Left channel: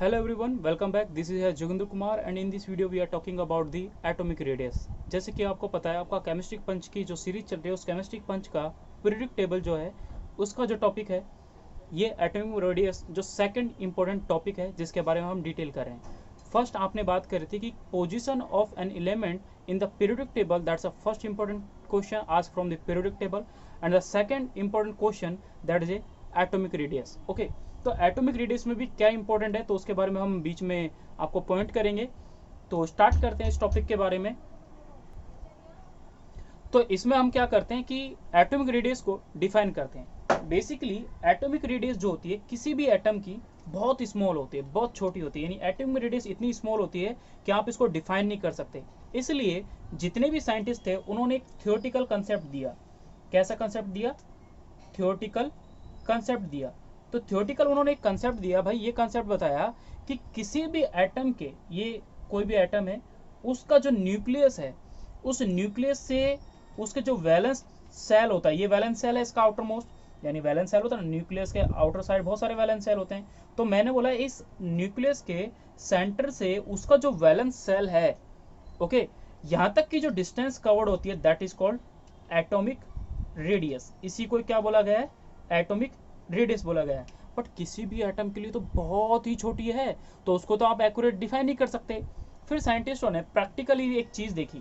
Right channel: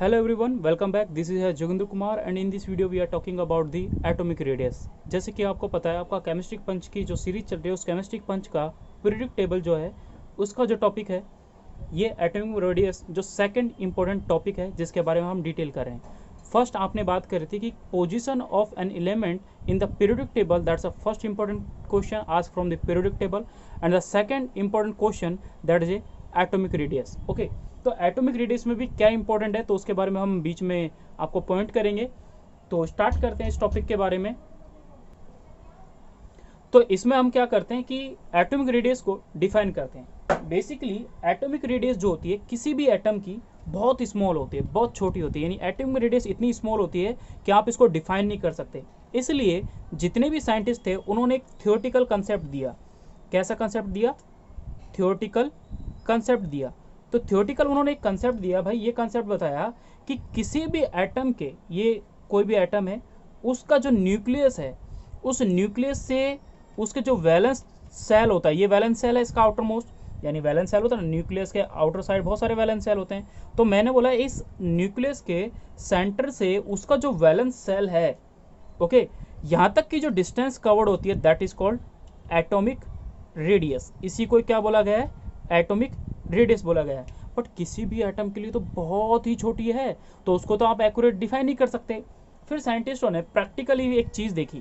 Hello everyone, welcome back. This is Jogendra Kumar and in this video we are talking about the atomic radius. जैसे कि आपको पता है आपका केमिस्ट्रिक पंच की जो सीरीज चल रही है उस केमिस्ट्रिक पंच का पीरियोडिक टेबल जो है उसका जो टॉपिक है ये एटॉमिक रेडियस जो सेकंड इंपॉर्टेंट टॉपिक है जिसके बारे में हम डिटेल कर रहे हैं. फर्स्ट आपने बात करी थी कि position of an element in the periodic table, that's a first important question asked from the periodic table and the second important question that is atomic radius. Okay, तो एटॉमिक रेडियस में भी क्या important है तो उसके बारे में हम बीच में आपको पॉइंट करेंगे. तो स्टार्ट करते हैं इस टॉपिक के बारे में. तो इसमें हम क्या करते हैं कि एटॉमिक रेडियस को डिफाइन करते हैं. बेसिकली एटॉमिक रेडियस जो होती है किसी भी एटम की बहुत स्मॉल होती है, बहुत छोटी होती है, यानी एटॉमिक रेडियस इतनी स्मॉल होती है कि आप इसको डिफाइन नहीं कर सकते. इसलिए जितने भी साइंटिस्ट थे उन्होंने एक थियोरेटिकल कंसेप्ट दिया. कैसा कंसेप्ट दिया? थियोरेटिकल कंसेप्ट दिया. तो थियोरेटिकल उन्होंने एक कंसेप्ट दिया. भाई ये कंसेप्ट बताया कि किसी भी एटम के, ये कोई भी एटम है, उसका जो न्यूक्लियस है उस न्यूक्लियस से उसके जो वैलेंस सेल होता है, ये वैलेंस सेल है इसका आउटर मोस्ट, यानी वैलेंस सेल होता है ना, न्यूक्लियस के आउटर साइड बहुत सारे वैलेंस सेल होते हैं. तो मैंने बोला इस न्यूक्लियस के सेंटर से उसका जो वैलेंस सेल है, ओके, यहाँ तक की जो डिस्टेंस कवर्ड होती है that is called atomic radius. इसी को क्या बोला गया है? एटॉमिक रेडियस बोला गया है. बट किसी भी एटम के लिए तो बहुत ही छोटी है तो उसको तो आप एक्यूरेट डिफाइन नहीं कर सकते. फिर साइंटिस्टों ने प्रैक्टिकली एक चीज़ देखी.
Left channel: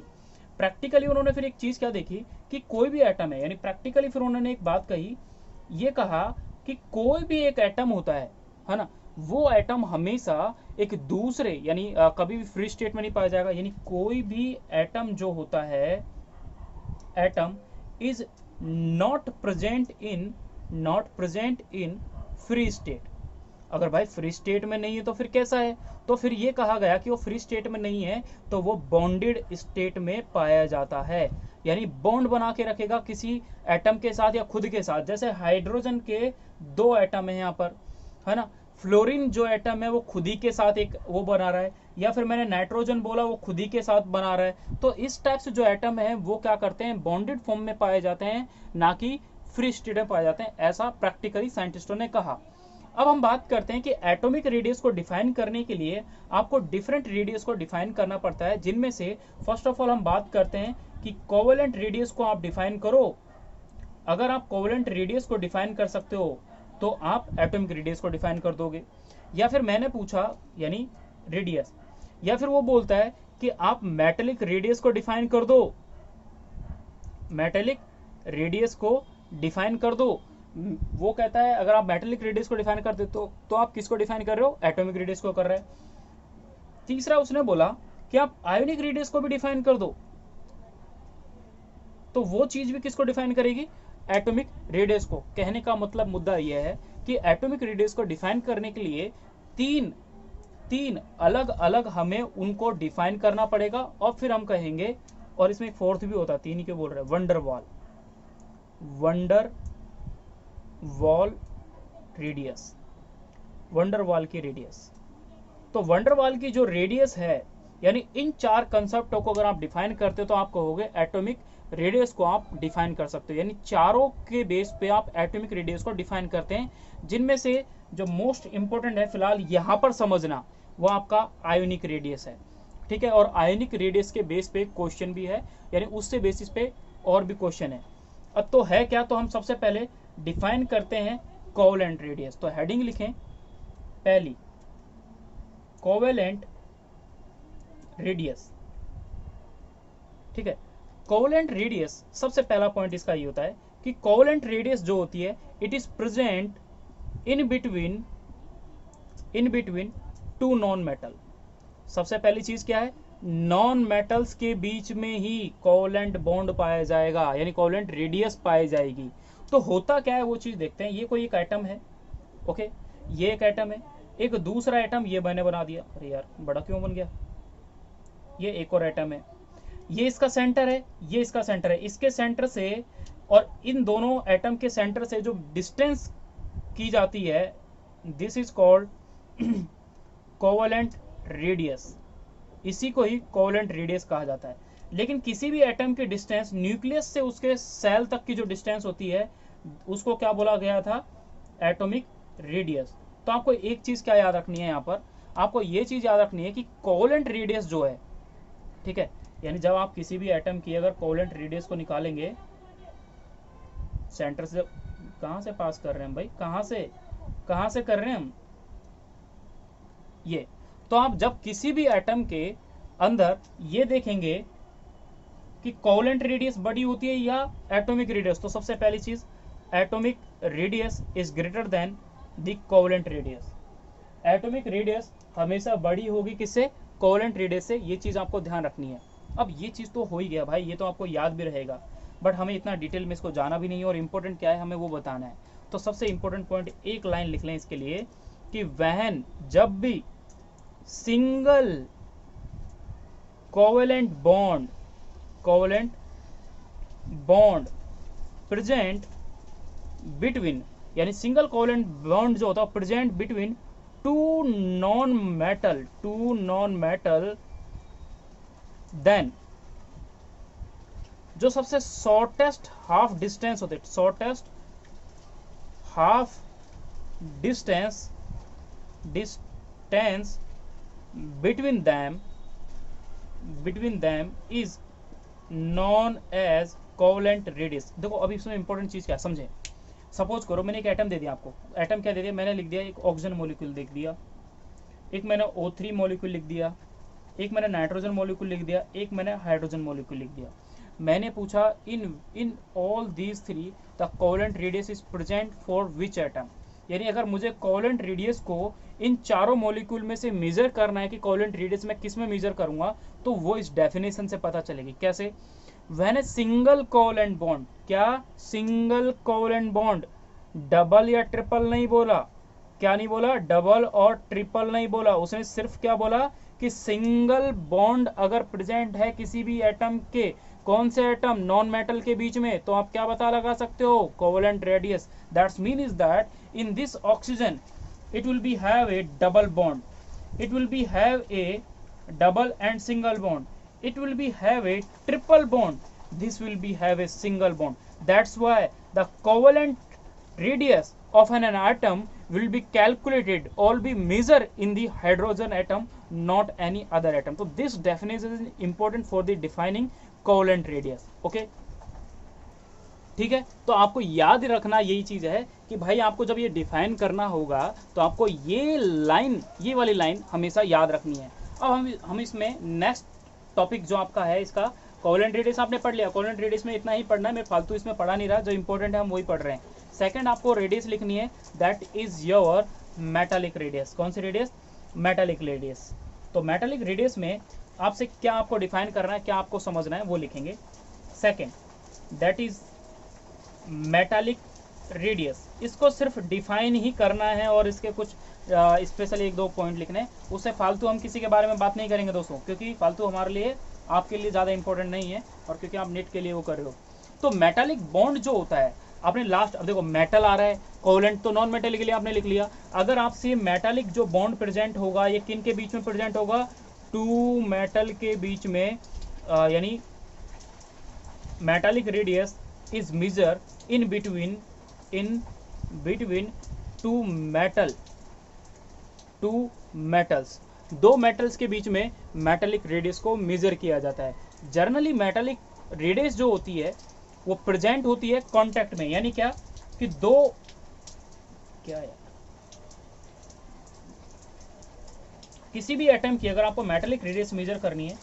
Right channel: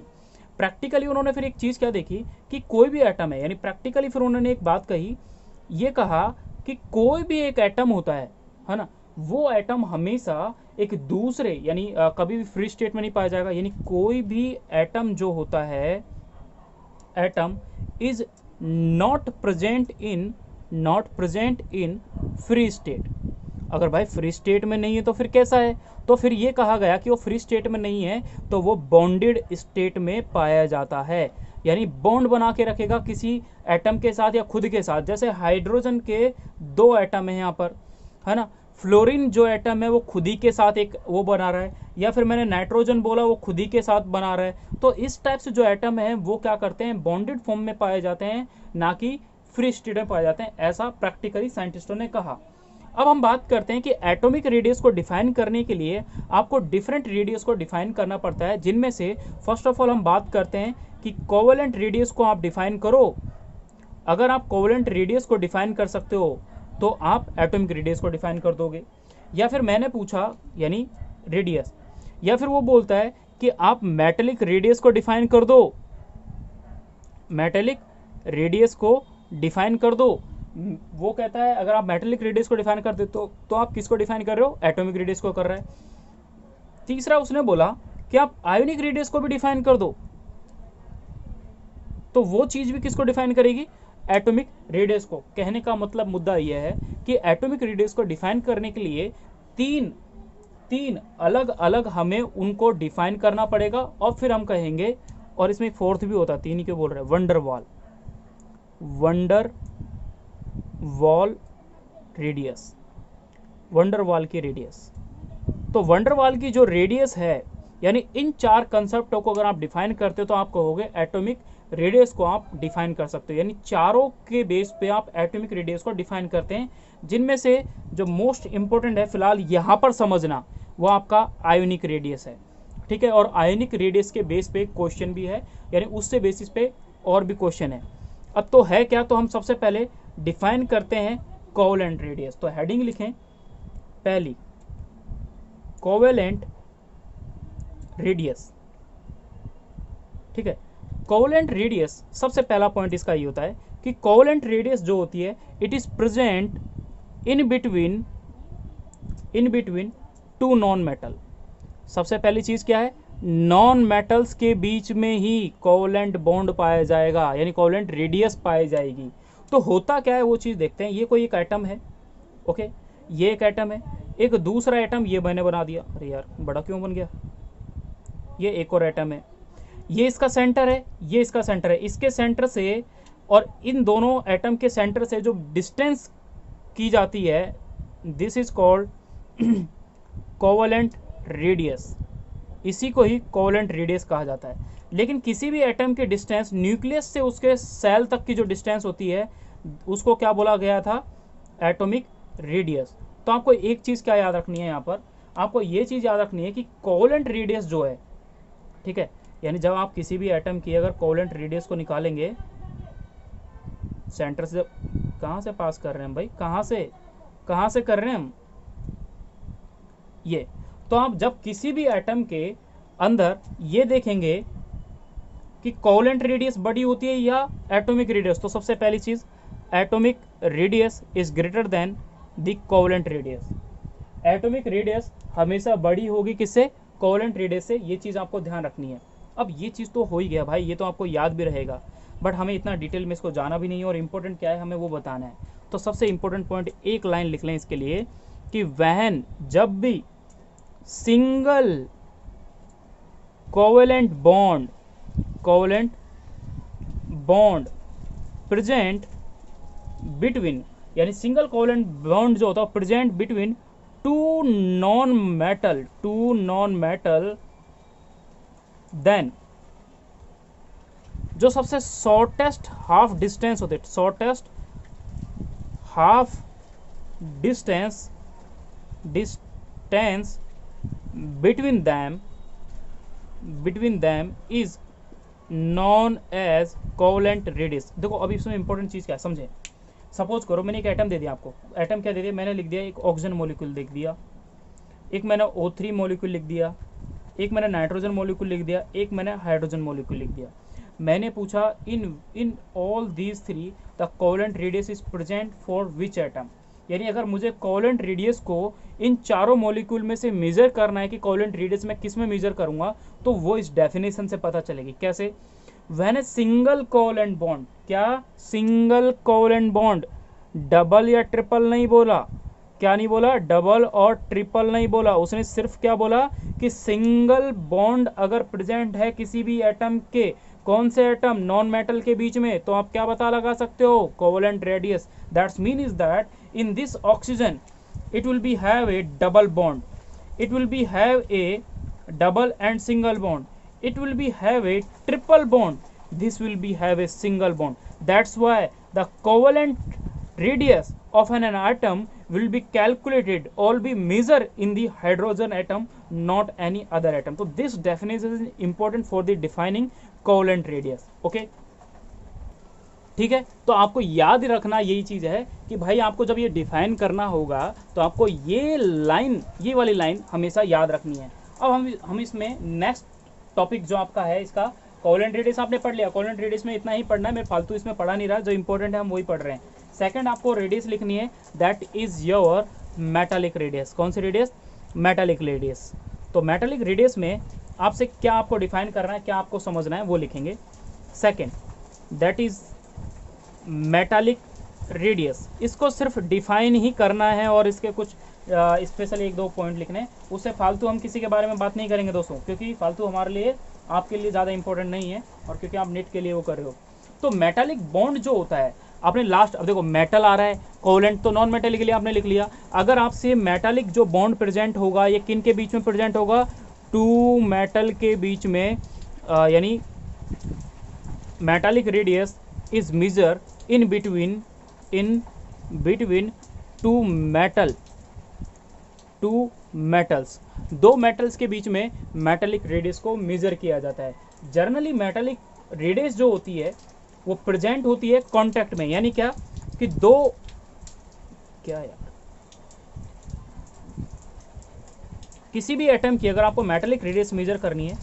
प्रैक्टिकली उन्होंने फिर एक चीज़ क्या देखी कि कोई भी एटम है, यानी प्रैक्टिकली फिर उन्होंने एक बात कही, ये कहा कि कोई भी एक एटम होता है ना, वो एटम हमेशा एक दूसरे यानी कभी भी फ्री स्टेट में नहीं पाया जाएगा. यानी कोई भी एटम जो होता है, atom is not present in free state. अगर भाई फ्री स्टेट में नहीं है तो फिर कैसा है? तो फिर ये कहा गया कि वो फ्री स्टेट में नहीं है तो वो बॉन्डेड स्टेट में पाया जाता है. यानी बॉन्ड बना के रखेगा किसी एटम के साथ या खुद के साथ. जैसे हाइड्रोजन के दो एटम है यहाँ पर, है ना. फ्लोरीन जो एटम है वो खुद ही के साथ एक वो बना रहा है, या फिर मैंने नाइट्रोजन बोला वो खुद ही के साथ बना रहा है. तो इस टाइप से जो एटम है वो क्या करते हैं? बॉन्डेड फॉर्म में पाए जाते हैं, ना कि फ्री स्टेट में पाए जाते हैं. ऐसा प्रैक्टिकली साइंटिस्टों ने कहा. अब हम बात करते हैं कि एटॉमिक रेडियस को डिफाइन करने के लिए आपको डिफरेंट रेडियस को डिफाइन करना पड़ता है, जिनमें से फर्स्ट ऑफ ऑल हम बात करते हैं कि कोवेलेंट रेडियस को आप डिफाइन करो. अगर आप कोवेलेंट रेडियस को डिफाइन कर सकते हो तो आप एटॉमिक रेडियस को डिफाइन कर दोगे. या फिर मैंने पूछा यानी रेडियस, या फिर वो बोलता है कि आप मेटेलिक रेडियस को डिफाइन कर दो. मेटेलिक रेडियस को डिफाइन कर दो. वो कहता है अगर आप मेटेलिक रेडियस को डिफाइन कर दे तो आप किसको डिफाइन कर रहे हो? एटॉमिक रेडियस को कर रहे हैं. तीसरा उसने बोला कि आप आयोनिक रेडियस को भी डिफाइन कर दो. तो वो चीज भी किसको डिफाइन करेगी? एटॉमिक रेडियस को. कहने का मतलब मुद्दा यह है कि एटॉमिक रेडियस को डिफाइन करने के लिए तीन अलग अलग हमें उनको डिफाइन करना पड़ेगा. और फिर हम कहेंगे, और इसमें एक फोर्थ भी होता है, तीन ही क्यों बोल रहे हैं, wonder wall radius, wonder wall की रेडियस. तो वंडर वॉल की जो रेडियस है, यानी इन चार कंसेप्टों को अगर आप डिफाइन करते हो तो आप कहोगे एटॉमिक रेडियस को आप डिफाइन कर सकते हो. यानी चारों के बेस पे आप एटॉमिक रेडियस को डिफाइन करते हैं, जिनमें से जो मोस्ट इंपॉर्टेंट है फिलहाल यहां पर समझना वो आपका आयोनिक रेडियस है. ठीक है, और आयोनिक रेडियस के बेस पे क्वेश्चन भी है, यानी उससे बेसिस पे और भी क्वेश्चन है. अब तो है क्या, तो हम सबसे पहले डिफाइन करते हैं कोवेलेंट रेडियस. तो हेडिंग लिखें पहली, कोवेलेंट रेडियस. ठीक है, कोवेलेंट रेडियस सबसे पहला पॉइंट इसका ये होता है कि कोवेलेंट रेडियस जो होती है it is present in between two non metal. सबसे पहली चीज क्या है? नॉन मेटल्स के बीच में ही कोवेलेंट बॉन्ड पाया जाएगा, यानी कोवेलेंट रेडियस पाई जाएगी. तो होता क्या है वो चीज देखते हैं. ये कोई एक एटम है, ओके, ये एक एटम है, एक दूसरा एटम ये मैंने बना दिया. अरे यार बड़ा क्यों बन गया? ये एक और एटम है, ये इसका सेंटर है, ये इसका सेंटर है. इसके सेंटर से और इन दोनों एटम के सेंटर से जो डिस्टेंस की जाती है this is called covalent radius. इसी को ही कोवेलेंट रेडियस कहा जाता है. लेकिन किसी भी एटम के डिस्टेंस न्यूक्लियस से उसके सेल तक की जो डिस्टेंस होती है उसको क्या बोला गया था? Atomic radius. तो आपको एक चीज क्या याद रखनी है यहाँ पर, आपको ये चीज़ याद रखनी है कि कोवेलेंट रेडियस जो है, ठीक है, यानी जब आप किसी भी एटम की अगर कोवेलेंट रेडियस को निकालेंगे, सेंटर से कहाँ से पास कर रहे हैं भाई, कहाँ से कर रहे हैं हम ये, तो आप जब किसी भी एटम के अंदर ये देखेंगे कि कोवेलेंट रेडियस बड़ी होती है या एटॉमिक रेडियस, तो सबसे पहली चीज atomic radius is greater then the covalent radius. Atomic radius हमेशा बड़ी होगी किससे, कोवेलेंट रेडियस से, ये चीज आपको ध्यान रखनी है। अब ये चीज तो हो ही गया भाई, ये तो आपको याद भी रहेगा, बट हमें इतना डिटेल में इसको जाना भी नहीं है और इम्पोर्टेंट क्या है हमें वो बताना है। तो सबसे इम्पोर्टेंट पॉइंट एक लाइन लिख लें इसके लिए कि वहन जब भी single covalent bond present between, यानी सिंगल कोवेलेंट बॉन्ड जो होता है present between two non metal then जो सबसे शॉर्टेस्ट हाफ डिस्टेंस होते, shortest half distance between them is known as covalent radius। देखो अभी इसमें इंपॉर्टेंट चीज क्या है समझे। सपोज करो मैंने एक एटम दे दिया आपको, एटम क्या दे दिया, मैंने लिख दिया एक ऑक्सीजन मॉलिक्यूल लिख दिया, एक मैंने O3 मॉलिक्यूल लिख दिया, एक मैंने नाइट्रोजन मॉलिक्यूल लिख दिया, एक मैंने हाइड्रोजन मॉलिक्यूल लिख दिया। मैंने पूछा in all these three the covalent radius is present for which atom, यानी अगर मुझे कोवेलेंट रेडियस को इन चारों मॉलिक्यूल में से मेजर करना है कि कोवेलेंट रेडियस मैं किस में मेजर करूंगा, तो वो इस डेफिनेशन से पता चलेगी। कैसे, when a single covalent bond, क्या सिंगल कोवेलेंट बॉन्ड, डबल या ट्रिपल नहीं बोला, क्या नहीं बोला, डबल और ट्रिपल नहीं बोला, उसने सिर्फ क्या बोला कि सिंगल बॉन्ड अगर प्रेजेंट है किसी भी एटम के, कौन से एटम, नॉन मेटल के बीच में, तो आप क्या पता लगा सकते हो, covalent radius. That's mean is that in this oxygen it will be have a double bond, it will be have a double and single bond, it will be have a triple bond, this will be have a single bond. That's why the covalent radius of an atom will be calculated or be measured in the hydrogen atom, not any other atom. So this definition is important for the defining covalent radius. Okay, ठीक है। तो आपको याद रखना यही चीज है कि भाई आपको जब ये डिफाइन करना होगा तो आपको ये लाइन, ये वाली लाइन हमेशा याद रखनी है। अब हम इसमें नेक्स्ट टॉपिक जो आपका है इसका कोवेलेंट रेडियस आपने पढ़ लिया, कोवेलेंट रेडियस में इतना ही पढ़ना है, मैं फालतू इसमें पढ़ा नहीं रहा, जो इंपॉर्टेंट है हम वही पढ़ रहे हैं। सेकंड आपको रेडियस लिखनी है, that is your metallic radius. कौन सी रेडियस, मेटालिक रेडियस। तो मेटालिक रेडियस में आपसे क्या आपको डिफाइन करना है, क्या आपको समझना है वो लिखेंगे। Second that is metallic radius, इसको सिर्फ डिफाइन ही करना है और इसके कुछ स्पेशल एक दो पॉइंट लिखने हैं, उससे फालतू हम किसी के बारे में बात नहीं करेंगे दोस्तों, क्योंकि फालतू हमारे लिए आपके लिए ज़्यादा इंपॉर्टेंट नहीं है और क्योंकि आप नेट के लिए वो कर रहे हो। तो मेटालिक बॉन्ड जो होता है आपने लास्ट, अब देखो मेटल आ रहा है, कोवेलेंट तो नॉन मेटल के लिए आपने लिख लिया। अगर आपसे मेटालिक जो बॉन्ड प्रेजेंट होगा ये किन के बीच में प्रेजेंट होगा, टू मेटल के बीच में, यानी metallic radius is measure in between two metals, दो मेटल्स के बीच में मेटालिक रेडियस को मेजर किया जाता है। जनरली मेटालिक रेडियस जो होती है वो प्रेजेंट होती है कांटेक्ट में, यानी क्या कि दो, क्या यार, किसी भी एटम की अगर आपको मेटालिक रेडियस मेजर करनी है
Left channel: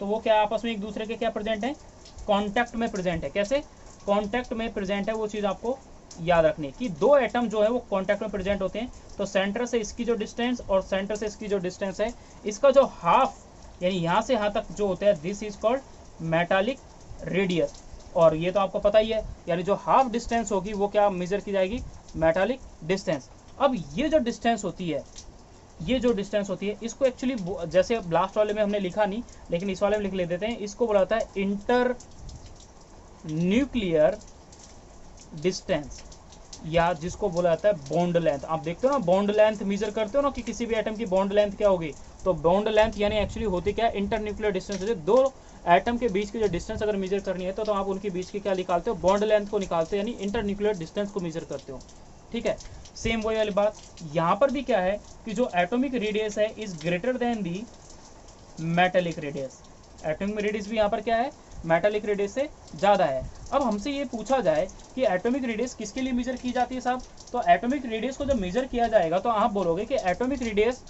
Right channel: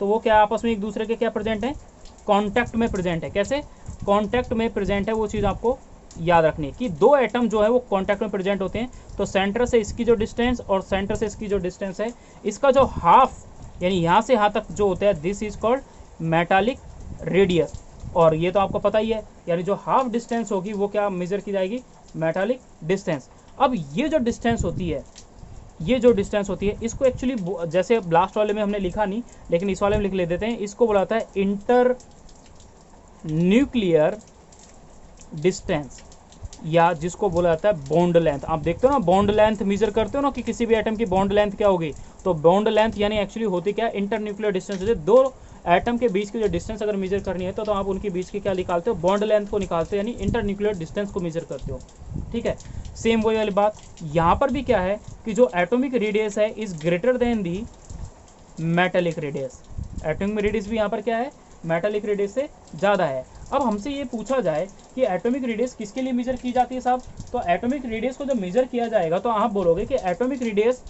तो वो क्या आपस में एक दूसरे के क्या प्रेजेंट है, कांटेक्ट में प्रेजेंट है। कैसे, कांटेक्ट में प्रेजेंट है, वो चीज़ आपको याद रखनी है कि दो एटम जो है वो कांटेक्ट में प्रेजेंट होते हैं। तो सेंटर से इसकी जो डिस्टेंस और सेंटर से इसकी जो डिस्टेंस है, इसका जो हाफ, यानी यहाँ से यहाँ तक जो होता है, this is called metallic radius. और ये तो आपको पता ही है, यानी जो हाफ डिस्टेंस होगी वो क्या मेजर की जाएगी, मेटालिक डिस्टेंस। अब ये जो डिस्टेंस होती है, ये जो डिस्टेंस होती है इसको एक्चुअली, जैसे लास्ट वाले में हमने लिखा नहीं लेकिन इस वाले में लिख लेते हैं, इसको बोलाता है इंटर न्यूक्लियर डिस्टेंस, या जिसको बोला जाता है बॉन्ड लेंथ। आप देखते हो ना बॉन्ड लेंथ मेजर करते हो ना कि किसी भी एटम की बॉन्ड लेंथ क्या होगी, तो बॉन्ड लेंथ यानी एक्चुअली होती क्या, इंटर न्यूक्लियर डिस्टेंस होती है, दो एटम के बीच की जो डिस्टेंस अगर मेजर करनी है तो आप उनके बीच की क्या निकालते हो, बॉन्ड लेंथ को निकालते हो, यानी इंटरन्यूक्लियर डिस्टेंस को मेजर करते हो। ठीक है, सेम वही वाली बात यहाँ पर भी क्या है कि जो एटॉमिक रेडियस है is greater then the metallic radius. Atomic radius भी यहाँ पर क्या है, मेटेलिक रेडियस से ज़्यादा है। अब हमसे ये पूछा जाए कि एटॉमिक रेडियस किसके लिए मेजर की जाती है साहब, तो एटॉमिक रेडियस को जब मेजर किया जाएगा तो आप बोलोगे कि एटॉमिक रेडियस,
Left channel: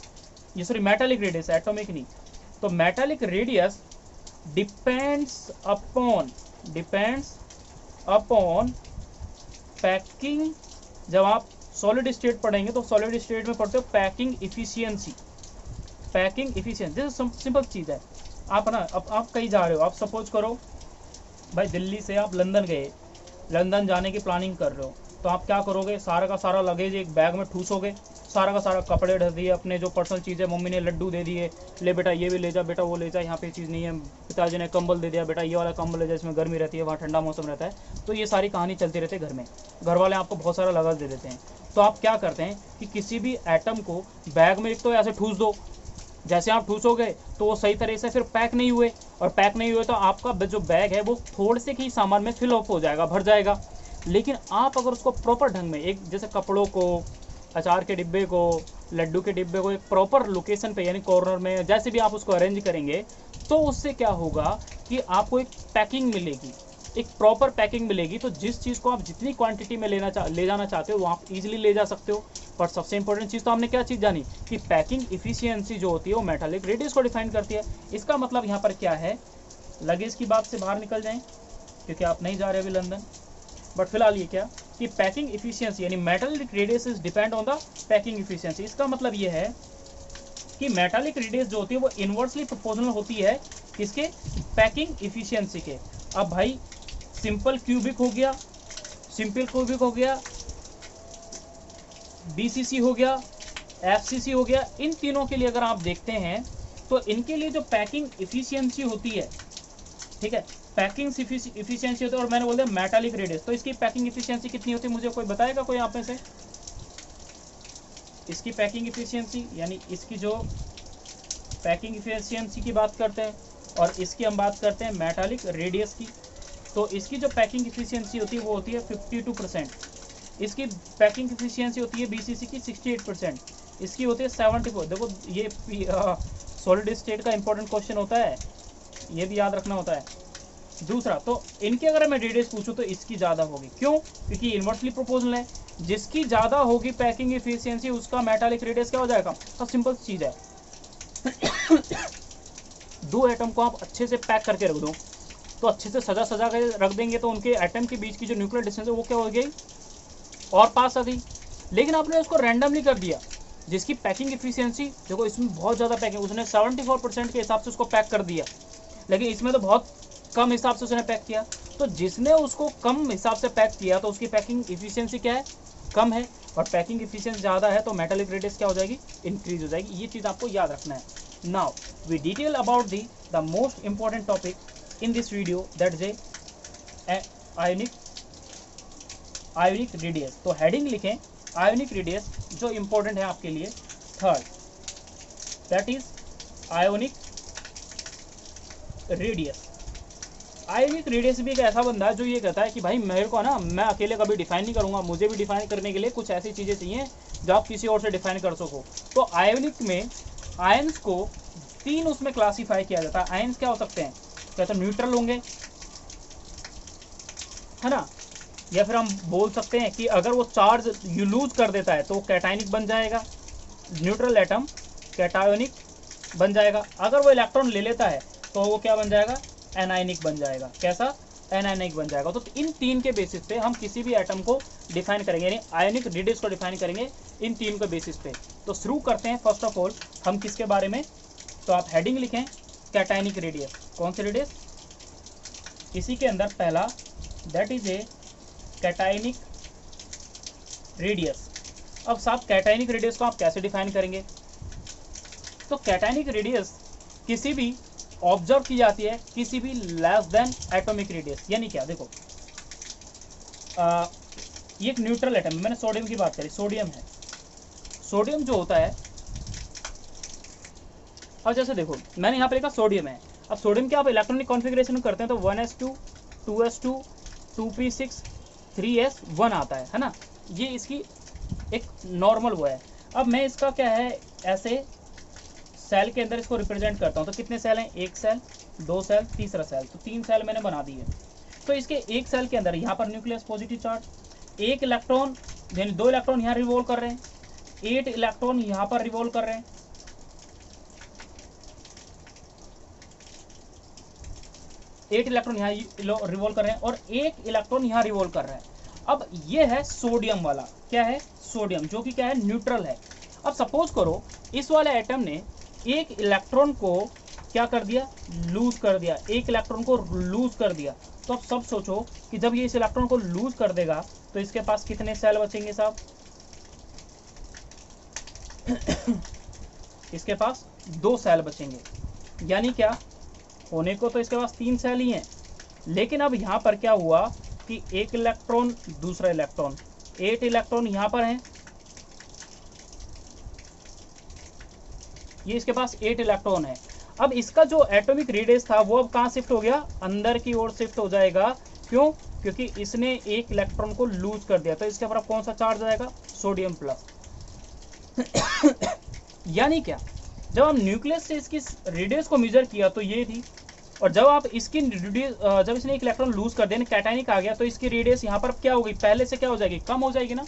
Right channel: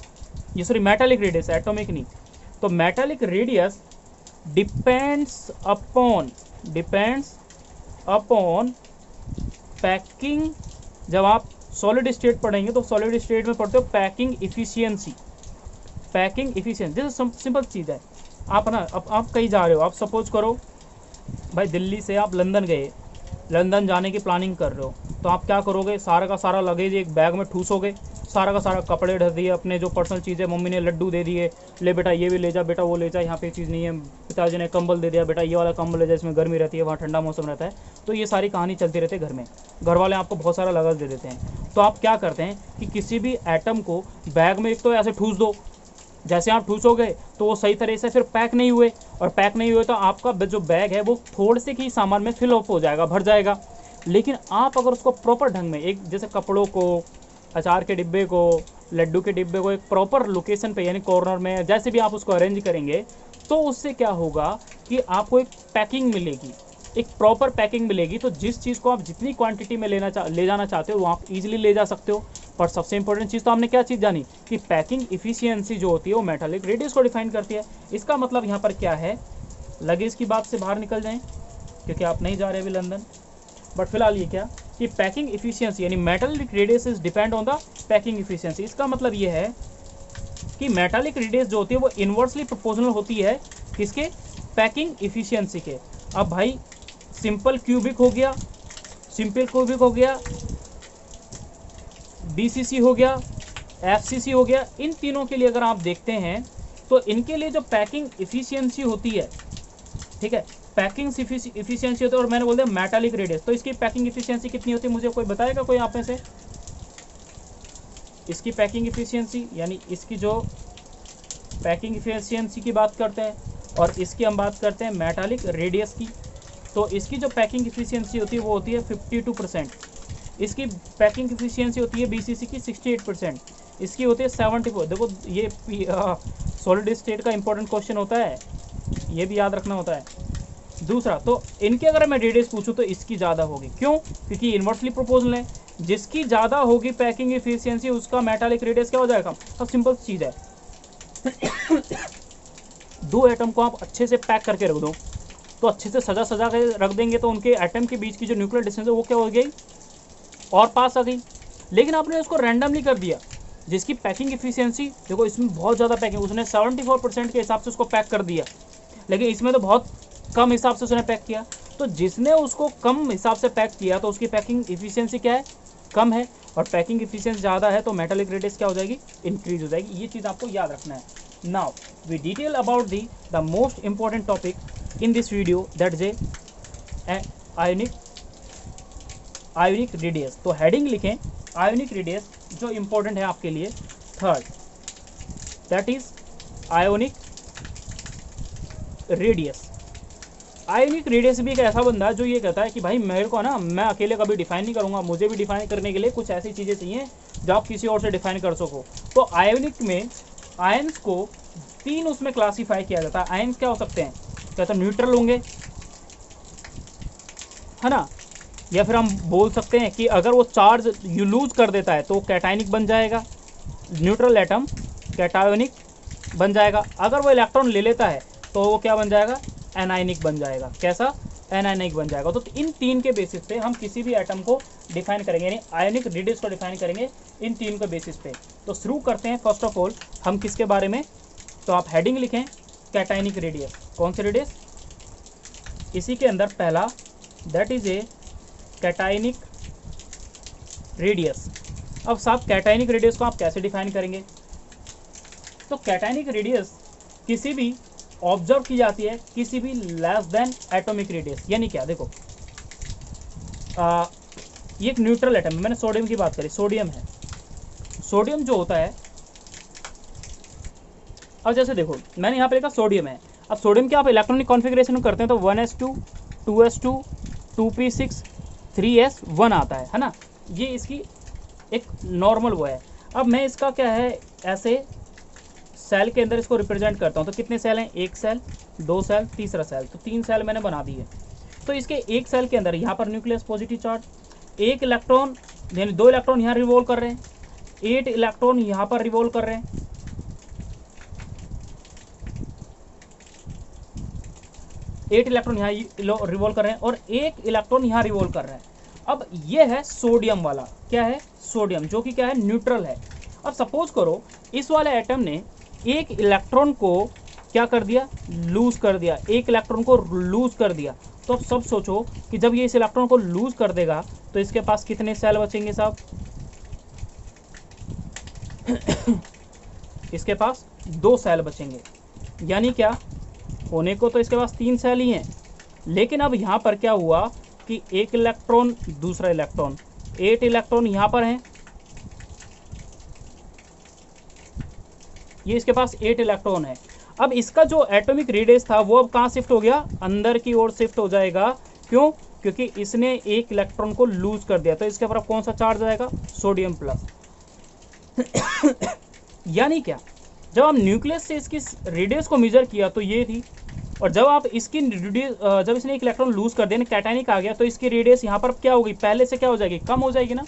ये सॉरी मेटेलिक रेडियस, एटॉमिक नहीं, तो metallic radius depends upon packing. जब आप सॉलिड स्टेट पढ़ेंगे तो सॉलिड स्टेट में पढ़ते हो पैकिंग इफिशियंसी। जैसे सिंपल चीज़ है, आप ना अब आप कहीं जा रहे हो, आप सपोज करो भाई दिल्ली से आप लंदन गए, लंदन जाने की प्लानिंग कर रहे हो, तो आप क्या करोगे, सारा का सारा लगेज एक बैग में ठूसोगे, सारा का सारा कपड़े ढक दिए, अपने जो पर्सनल चीज़ें, मम्मी ने लड्डू दे दिए, ले बेटा ये भी ले जा, बेटा वो ले जा, यहाँ पे चीज़ नहीं है, पिताजी ने कंबल दे दिया, बेटा ये वाला कंबल ले जा, इसमें गर्मी रहती है, वहाँ ठंडा मौसम रहता है। तो ये सारी कहानी चलती रहती है घर में, घर वाले आपको बहुत सारा लगेज दे देते हैं। तो आप क्या करते हैं कि किसी भी एटम को बैग में एक तो ऐसे ठूस दो, जैसे आप ठूसोगे तो वो सही तरह से फिर पैक नहीं हुए, और पैक नहीं हुए तो आपका जो बैग है वो थोड़े से ही सामान में फिल अप हो जाएगा, भर जाएगा। लेकिन आप अगर उसको प्रॉपर ढंग में, एक जैसे कपड़ों को, अचार के डिब्बे को, लड्डू के डिब्बे को एक प्रॉपर लोकेशन पे यानी कॉर्नर में जैसे भी आप उसको अरेंज करेंगे, तो उससे क्या होगा कि आपको एक पैकिंग मिलेगी, एक प्रॉपर पैकिंग मिलेगी। तो जिस चीज़ को आप जितनी क्वांटिटी में ले जाना चाहते हो वो आप इजीली ले जा सकते हो। पर सबसे इंपॉर्टेंट चीज़ तो हमने क्या चीज़ जानी कि पैकिंग इफिशियंसी जो होती है वो मेटालिक रेडियस को डिफाइन करती है। इसका मतलब यहाँ पर क्या है, लगेज की बात से बाहर निकल जाएं क्योंकि आप नहीं जा रहे अभी लंदन, बट फिलहाल ये क्या कि पैकिंग इफिशियंसी यानी metallic radius is depend on the packing efficiency. इसका मतलब ये है कि मेटालिक रेडियस जो होती है वो इनवर्सली प्रोपोर्शनल होती है किसके, पैकिंग इफिशियंसी के। अब भाई सिंपल क्यूबिक हो गया, बीसीसी हो गया, एफसीसी हो गया, इन तीनों के लिए अगर आप देखते हैं तो इनके लिए जो पैकिंग इफिशियंसी होती है, ठीक है, पैकिंग इफिशियंसी होती है, और मैंने बोल दिया मेटालिक रेडियस, तो इसकी पैकिंग इफिशियंसी कितनी होती है, मुझे कोई बताएगा कोई आप में से? इसकी पैकिंग इफिशियंसी यानी इसकी जो पैकिंग इफिशियंसी की बात करते हैं और इसकी हम बात करते हैं मेटालिक रेडियस की, तो इसकी जो पैकिंग इफिशियंसी होती है वो होती है 52%। इसकी पैकिंग इफिशियंसी होती है बीसीसी की 68%, इसकी होती है 74। देखो ये सॉलिड स्टेट का इंपॉर्टेंट क्वेश्चन होता है, ये भी याद रखना होता है। दूसरा, तो इनके अगर मैं रेडियस पूछूं तो इसकी ज़्यादा होगी, क्यों? क्योंकि इन्वर्सली प्रोपोर्शनल है, जिसकी ज़्यादा होगी पैकिंग इफिशियंसी उसका मेटालिक रेडियस क्या हो जाएगा। अब सिंपल चीज़ है दो एटम को आप अच्छे से पैक करके रख दो, तो अच्छे से सजा के रख देंगे तो उनके एटम के बीच की जो न्यूक्लियर डिस्टेंस है वो क्या हो गई, और पास आ गई। लेकिन आपने उसको रैंडमली कर दिया, जिसकी पैकिंग इफिशियंसी देखो इसमें बहुत ज़्यादा पैकिंग, उसने 74% के हिसाब से उसको पैक कर दिया, लेकिन इसमें तो बहुत कम हिसाब से उसने पैक किया। तो जिसने उसको कम हिसाब से पैक किया तो उसकी पैकिंग इफिशियंसी क्या है, कम है, और पैकिंग इफिशियंसी ज़्यादा है तो मेटालिक रेडियस क्या हो जाएगी, इंक्रीज हो जाएगी। ये चीज़ आपको याद रखना है। Now we detail about the most important topic in this video, that is ionic radius. तो हेडिंग लिखें आयोनिक रेडियस, जो इंपॉर्टेंट है आपके लिए, third, that is ionic radius. Ionic radius भी एक ऐसा बंदा है जो ये कहता है कि भाई मेरे को ना, मैं अकेले कभी डिफाइन नहीं करूंगा, मुझे भी डिफाइन करने के लिए कुछ ऐसी चीज़ें चाहिए जो आप किसी और से डिफाइन कर सको। तो आयोनिक में आयंस को 3 उसमें क्लासीफाई किया जाता है। आयंस क्या हो सकते हैं, क्या तो न्यूट्रल होंगे, है ना, या फिर हम बोल सकते हैं कि अगर वो चार्ज यू लूज कर देता है तो कैटायनिक बन जाएगा, न्यूट्रल एटम कैटायोनिक बन जाएगा। अगर वो इलेक्ट्रॉन ले लेता है तो वो क्या बन जाएगा, एनायनिक बन जाएगा। कैसा, एनायनिक बन जाएगा। तो इन 3 के बेसिस पे हम किसी भी एटम को डिफाइन करेंगे, यानी आयोनिक रेडियस को डिफाइन करेंगे इन 3 के बेसिस पे। तो शुरू करते हैं फर्स्ट ऑफ ऑल हम किसके बारे में, तो आप हेडिंग लिखें कैटायनिक रेडियस। कौन सी रेडियस, इसी के अंदर पहला, that is a cationic radius. अब साहब कैटायनिक रेडियस को आप कैसे डिफाइन करेंगे, तो कैटायनिक रेडियस किसी भी ऑब्जर्व की जाती है किसी भी लेस देन एटॉमिक रेडियस। यानी क्या, देखो ये एक न्यूट्रल एटम है, मैंने सोडियम की बात करी, सोडियम है, सोडियम जो होता है, अब जैसे देखो मैंने यहाँ पे लिखा सोडियम है, अब सोडियम के आप इलेक्ट्रॉनिक कॉन्फ़िगरेशन करते हैं तो 1s2 2s2 2p6 3s1 आता है ना, ये इसकी एक नॉर्मल वो है। अब मैं इसका क्या है ऐसे सेल के अंदर इसको रिप्रेजेंट करता हूँ, तो कितने सेल हैं, एक सेल, दो सेल, तीसरा सेल, तो 3 सेल मैंने बना दी है। तो इसके एक सेल के अंदर यहाँ पर न्यूक्लियस पॉजिटिव चार्ज, 1 इलेक्ट्रॉन यानी 2 इलेक्ट्रॉन यहाँ रिवॉल्व कर रहे हैं, 8 इलेक्ट्रॉन यहाँ पर रिवॉल्व कर रहे हैं, 8 इलेक्ट्रॉन यहाँ रिवॉल्व कर रहे हैं और 1 इलेक्ट्रॉन यहाँ रिवॉल्व कर रहा है। अब ये है सोडियम वाला, क्या है, सोडियम, जो कि क्या है, न्यूट्रल है। अब सपोज करो इस वाले एटम ने 1 इलेक्ट्रॉन को क्या कर दिया, लूज कर दिया, 1 इलेक्ट्रॉन को लूज कर दिया। तो अब सब सोचो कि जब ये इस इलेक्ट्रॉन को लूज कर देगा तो इसके पास कितने सेल बचेंगे साहब इसके पास 2 सेल बचेंगे, यानी क्या, होने को तो इसके पास 3 सेल ही हैं, लेकिन अब यहाँ पर क्या हुआ कि 1 इलेक्ट्रॉन, दूसरा इलेक्ट्रॉन, 8 इलेक्ट्रॉन यहाँ पर हैं, ये इसके पास 8 इलेक्ट्रॉन है। अब इसका जो एटॉमिक रेडियस था वो अब कहाँ शिफ्ट हो गया, अंदर की ओर शिफ्ट हो जाएगा। क्यों, क्योंकि इसने 1 इलेक्ट्रॉन को लूज कर दिया, तो इसके ऊपर कौन सा चार्ज आएगा, सोडियम प्लस। यानी क्या, जब हम न्यूक्लियस से इसकी रेडियस को मेजर किया तो ये थी, और जब आप इसकी जब इसने 1 इलेक्ट्रॉन लूज कर दिया, कैटायनिक आ गया, तो इसकी रेडियस यहाँ पर क्या होगी, पहले से क्या हो जाएगी, कम हो जाएगी ना।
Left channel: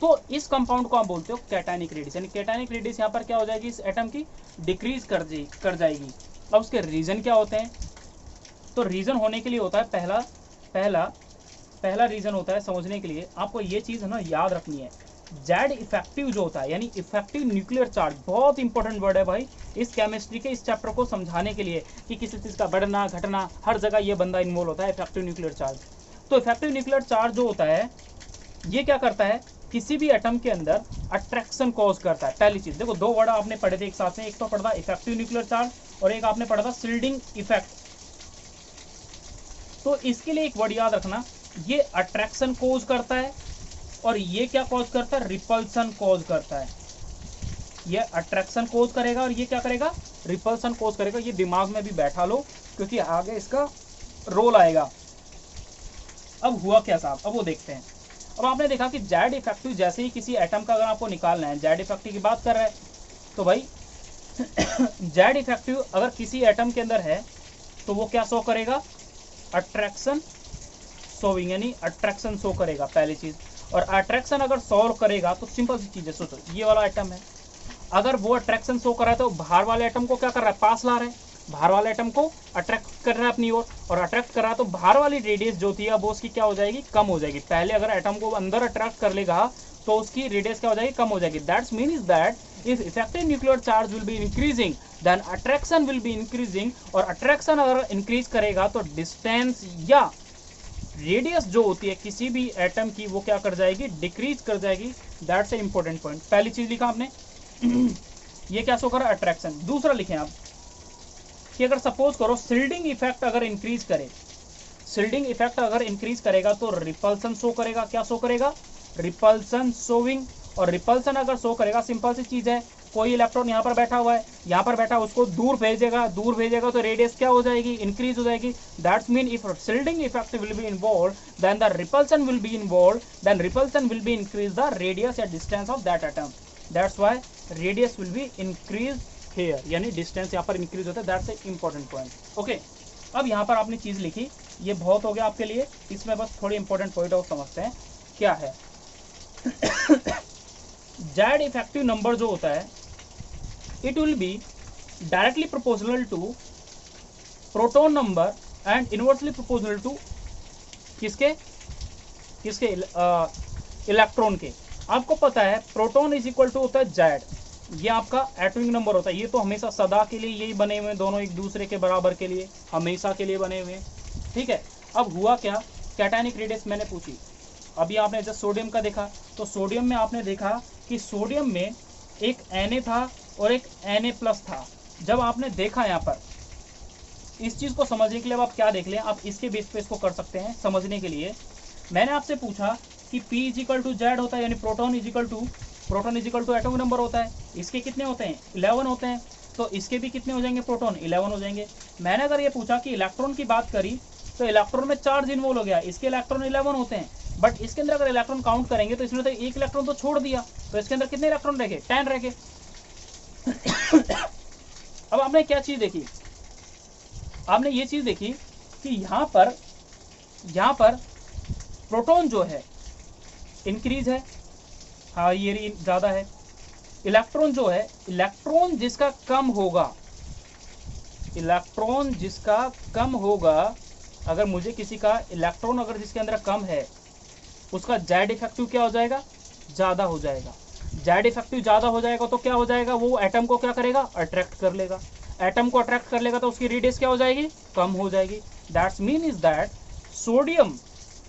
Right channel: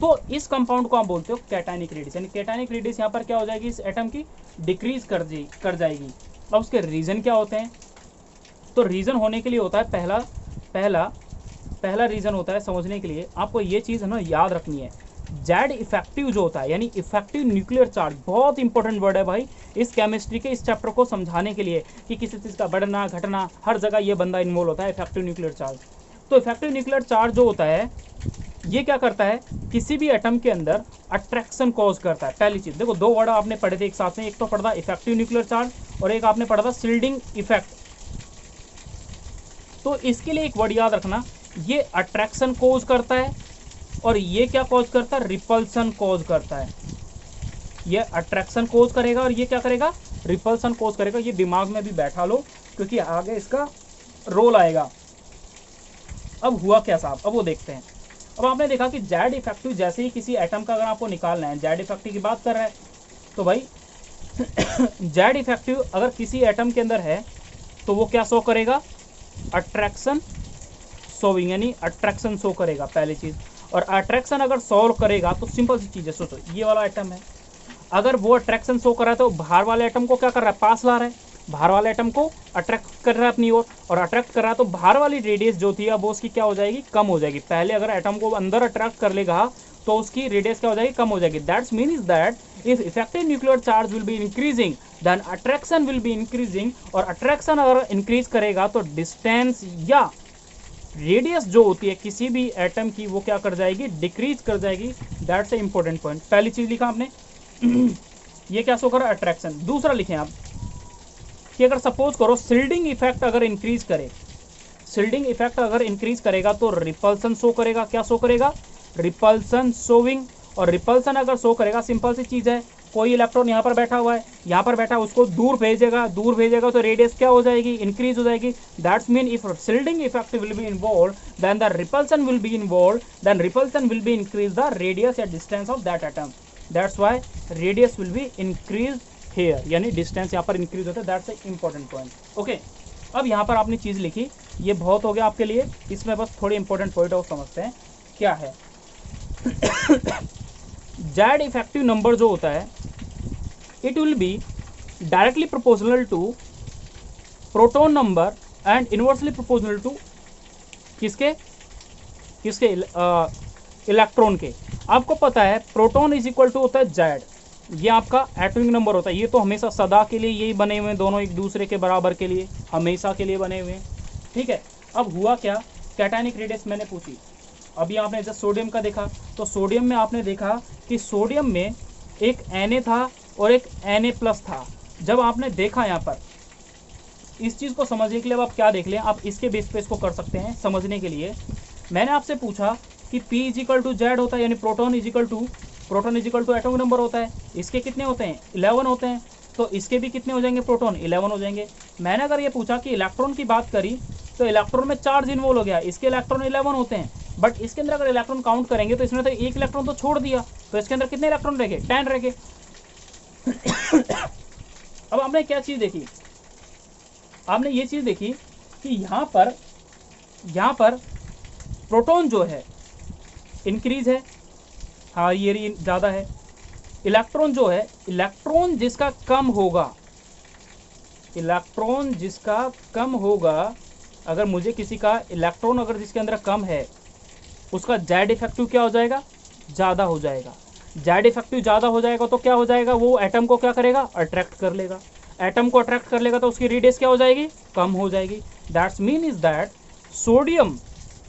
तो इस कंपाउंड को आप बोलते हो कैटायनिक रेडियस, यानी कैटायनिक रेडियस यहाँ पर क्या हो जाएगी, इस एटम की डिक्रीज कर जाएगी। अब उसके रीजन क्या होते हैं, तो रीजन होने के लिए होता है पहला रीजन होता है समझने के लिए, आपको ये चीज़ ना याद रखनी है, जेड इफेक्टिव जो होता है, यानी इफेक्टिव न्यूक्लियर चार्ज, बहुत इंपॉर्टेंट वर्ड है भाई इस केमिस्ट्री के इस चैप्टर को समझाने के लिए, कि किसी चीज़ का बढ़ना घटना हर जगह ये बंदा इन्वॉल्व होता है, इफेक्टिव न्यूक्लियर चार्ज। तो इफेक्टिव न्यूक्लियर चार्ज जो होता है ये क्या करता है, किसी भी एटम के अंदर अट्रैक्शन कॉज करता है। पहली चीज देखो, 2 वर्ड आपने पढ़े थे एक साथ में, एक तो पढ़ा था इफेक्टिव न्यूक्लियर चार्ज और एक आपने पढ़ा था शील्डिंग इफेक्ट। तो इसके लिए एक वर्ड याद रखना, ये अट्रैक्शन कॉज करता है और ये क्या कॉज करता है, रिपल्सन कॉज करता है। ये अट्रैक्शन कॉज करेगा और ये क्या करेगा, रिपल्सन कॉज करेगा। ये दिमाग में भी बैठा लो क्योंकि आगे इसका रोल आएगा। अब हुआ क्या साहब, अब वो देखते हैं। अब आपने देखा कि जेड इफेक्टिव जैसे ही किसी एटम का अगर आपको निकालना है, जेड इफेक्टिव की बात कर रहा है तो भाई जेड इफेक्टिव अगर किसी एटम के अंदर है तो वो क्या शो करेगा, अट्रैक्शन शोविंग, यानी अट्रैक्शन शो करेगा पहली चीज। और अट्रैक्शन अगर सॉल्व करेगा तो सिंपल सी चीज है, सोचो ये वाला एटम है, अगर वो अट्रैक्शन शो कर रहा है तो बाहर वाले एटम को क्या कर रहा है, पास ला रहा है, बाहर वाले एटम को अट्रैक्ट कर रहा है अपनी ओर, और अट्रैक्ट कर रहा है तो बाहर वाली रेडियस जो थी अब वो उसकी क्या हो जाएगी, कम हो जाएगी। पहले अगर एटम को अंदर अट्रैक्ट कर लेगा तो उसकी रेडियस क्या हो जाएगी, कम हो जाएगी। That's means that if effective nuclear charge will be increasing then attraction will be increasing, और अट्रैक्शन अगर इंक्रीज करेगा तो डिस्टेंस या रेडियस जो होती है किसी भी एटम की वो क्या कर जाएगी, डिक्रीज कर जाएगी। That's a important point. पहली चीज लिखा आपने ये क्या शो कर रहा है, अट्रैक्शन। दूसरा लिखें आप कि अगर सपोज करो शील्डिंग इफेक्ट अगर इंक्रीज करे, शील्डिंग इफेक्ट अगर इंक्रीज करेगा तो रिपल्सन शो करेगा। क्या शो करेगा, रिपल्सन शोविंग। और रिपल्सन अगर शो करेगा, सिंपल सी चीज है, कोई इलेक्ट्रॉन यहाँ पर बैठा हुआ है, यहाँ पर बैठा, उसको दूर भेजेगा तो रेडियस क्या हो जाएगी, इंक्रीज हो जाएगी। That's mean if shielding effect will be involve then the repulsion will be involve, then repulsion will be increase the radius या distance of that atom. That's why radius will be increase here, यानी distance यहाँ पर increase होता है। That's a important point. Okay, अब यहाँ पर आपने चीज लिखी, ये बहुत हो गया आपके लिए, इसमें बस थोड़े इंपॉर्टेंट पॉइंट और समझते हैं क्या है। जेड इफेक्टिव नंबर जो होता है it will be directly proportional to proton number and inversely proportional to किसके इलेक्ट्रॉन के। आपको पता है प्रोटॉन इज इक्वल टू होता है जेड, ये आपका एटॉमिक नंबर होता है। ये तो हमेशा सदा के लिए यही बने हुए हैं, दोनों एक दूसरे के बराबर के लिए, हमेशा के लिए बने हुए हैं, ठीक है। अब हुआ क्या, कैटायनिक रेडियस मैंने पूछी, अभी आपने जब सोडियम का देखा तो सोडियम में आपने देखा कि सोडियम में एक Na था और एक Na+ था। जब आपने देखा यहाँ पर, इस चीज़ को समझने के लिए अब आप क्या देख लें, आप इसके बेस पे इसको कर सकते हैं समझने के लिए। मैंने आपसे पूछा कि P = Z होता है, यानी proton is equal to atomic number होता है, इसके कितने होते हैं, 11 होते हैं। तो इसके भी कितने हो जाएंगे प्रोटॉन, 11 हो जाएंगे। मैंने अगर ये पूछा कि इलेक्ट्रॉन की बात करी तो इलेक्ट्रॉन में चार्ज इन्वॉल्व हो गया, इसके इलेक्ट्रॉन 11 होते हैं, बट इसके अंदर अगर इलेक्ट्रॉन काउंट करेंगे तो इसमें तो एक इलेक्ट्रॉन तो छोड़ दिया, तो इसके अंदर कितने इलेक्ट्रॉन रह गए, 10 रह गए। अब आपने क्या चीज देखी, आपने ये चीज देखी कि यहां पर प्रोटॉन जो है इंक्रीज है, हाँ ये ज्यादा है। इलेक्ट्रॉन जो है, इलेक्ट्रॉन जिसका कम होगा, इलेक्ट्रॉन जिसका कम होगा, अगर मुझे किसी का इलेक्ट्रॉन अगर जिसके अंदर कम है, उसका जेड इफेक्टिव क्या हो जाएगा, ज्यादा हो जाएगा। जेड इफेक्टिव ज्यादा हो जाएगा तो क्या हो जाएगा, वो एटम को क्या करेगा, अट्रैक्ट कर लेगा। एटम को अट्रैक्ट कर लेगा तो उसकी रेडियस क्या हो जाएगी, कम हो जाएगी। That's mean is that sodium,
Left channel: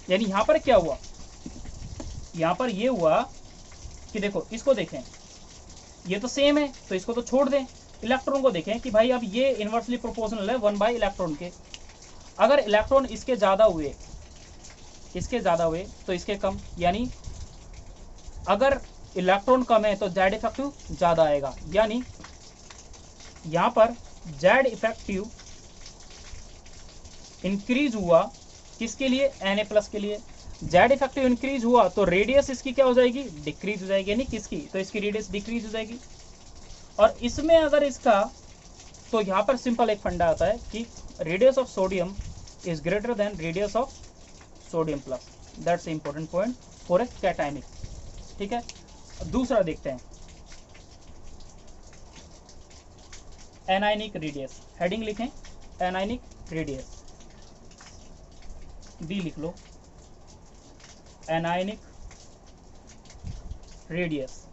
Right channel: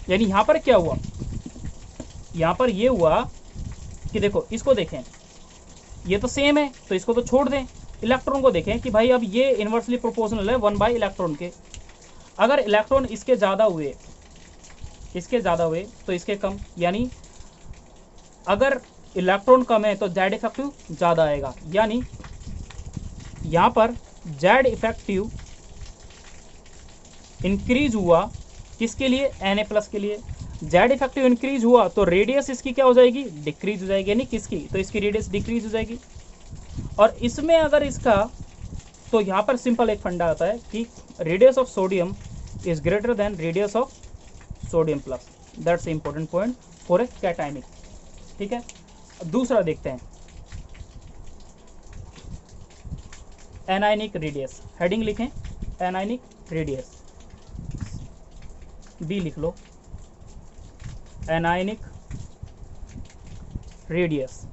यानी यहां पर क्या हुआ, यहां पर ये हुआ कि देखो इसको देखें, ये तो सेम है तो इसको तो छोड़ दें। इलेक्ट्रॉन को देखें कि भाई अब ये इनवर्सली प्रोपोर्शनल है 1 बाई इलेक्ट्रॉन के। अगर इलेक्ट्रॉन इसके ज्यादा हुए तो इसके कम, यानी अगर इलेक्ट्रॉन कम है तो जेड इफेक्टिव ज्यादा आएगा। यानी यहां पर जेड इफेक्टिव इंक्रीज हुआ किसके लिए, Na+ के लिए। जेड इफेक्टिव इंक्रीज हुआ तो रेडियस इसकी क्या हो जाएगी, डिक्रीज हो जाएगी, यानी किसकी, तो इसकी रेडियस डिक्रीज हो जाएगी। और इसमें अगर इसका, तो यहां पर सिंपल एक फंडा आता है कि radius of sodium is greater than radius of sodium plus. That's important point for a cationic. ठीक है, अब दूसरा देखते हैं, एनायनिक रेडियस। हेडिंग लिखें एनायनिक रेडियस, बी लिख लो, एनायनिक रेडियस।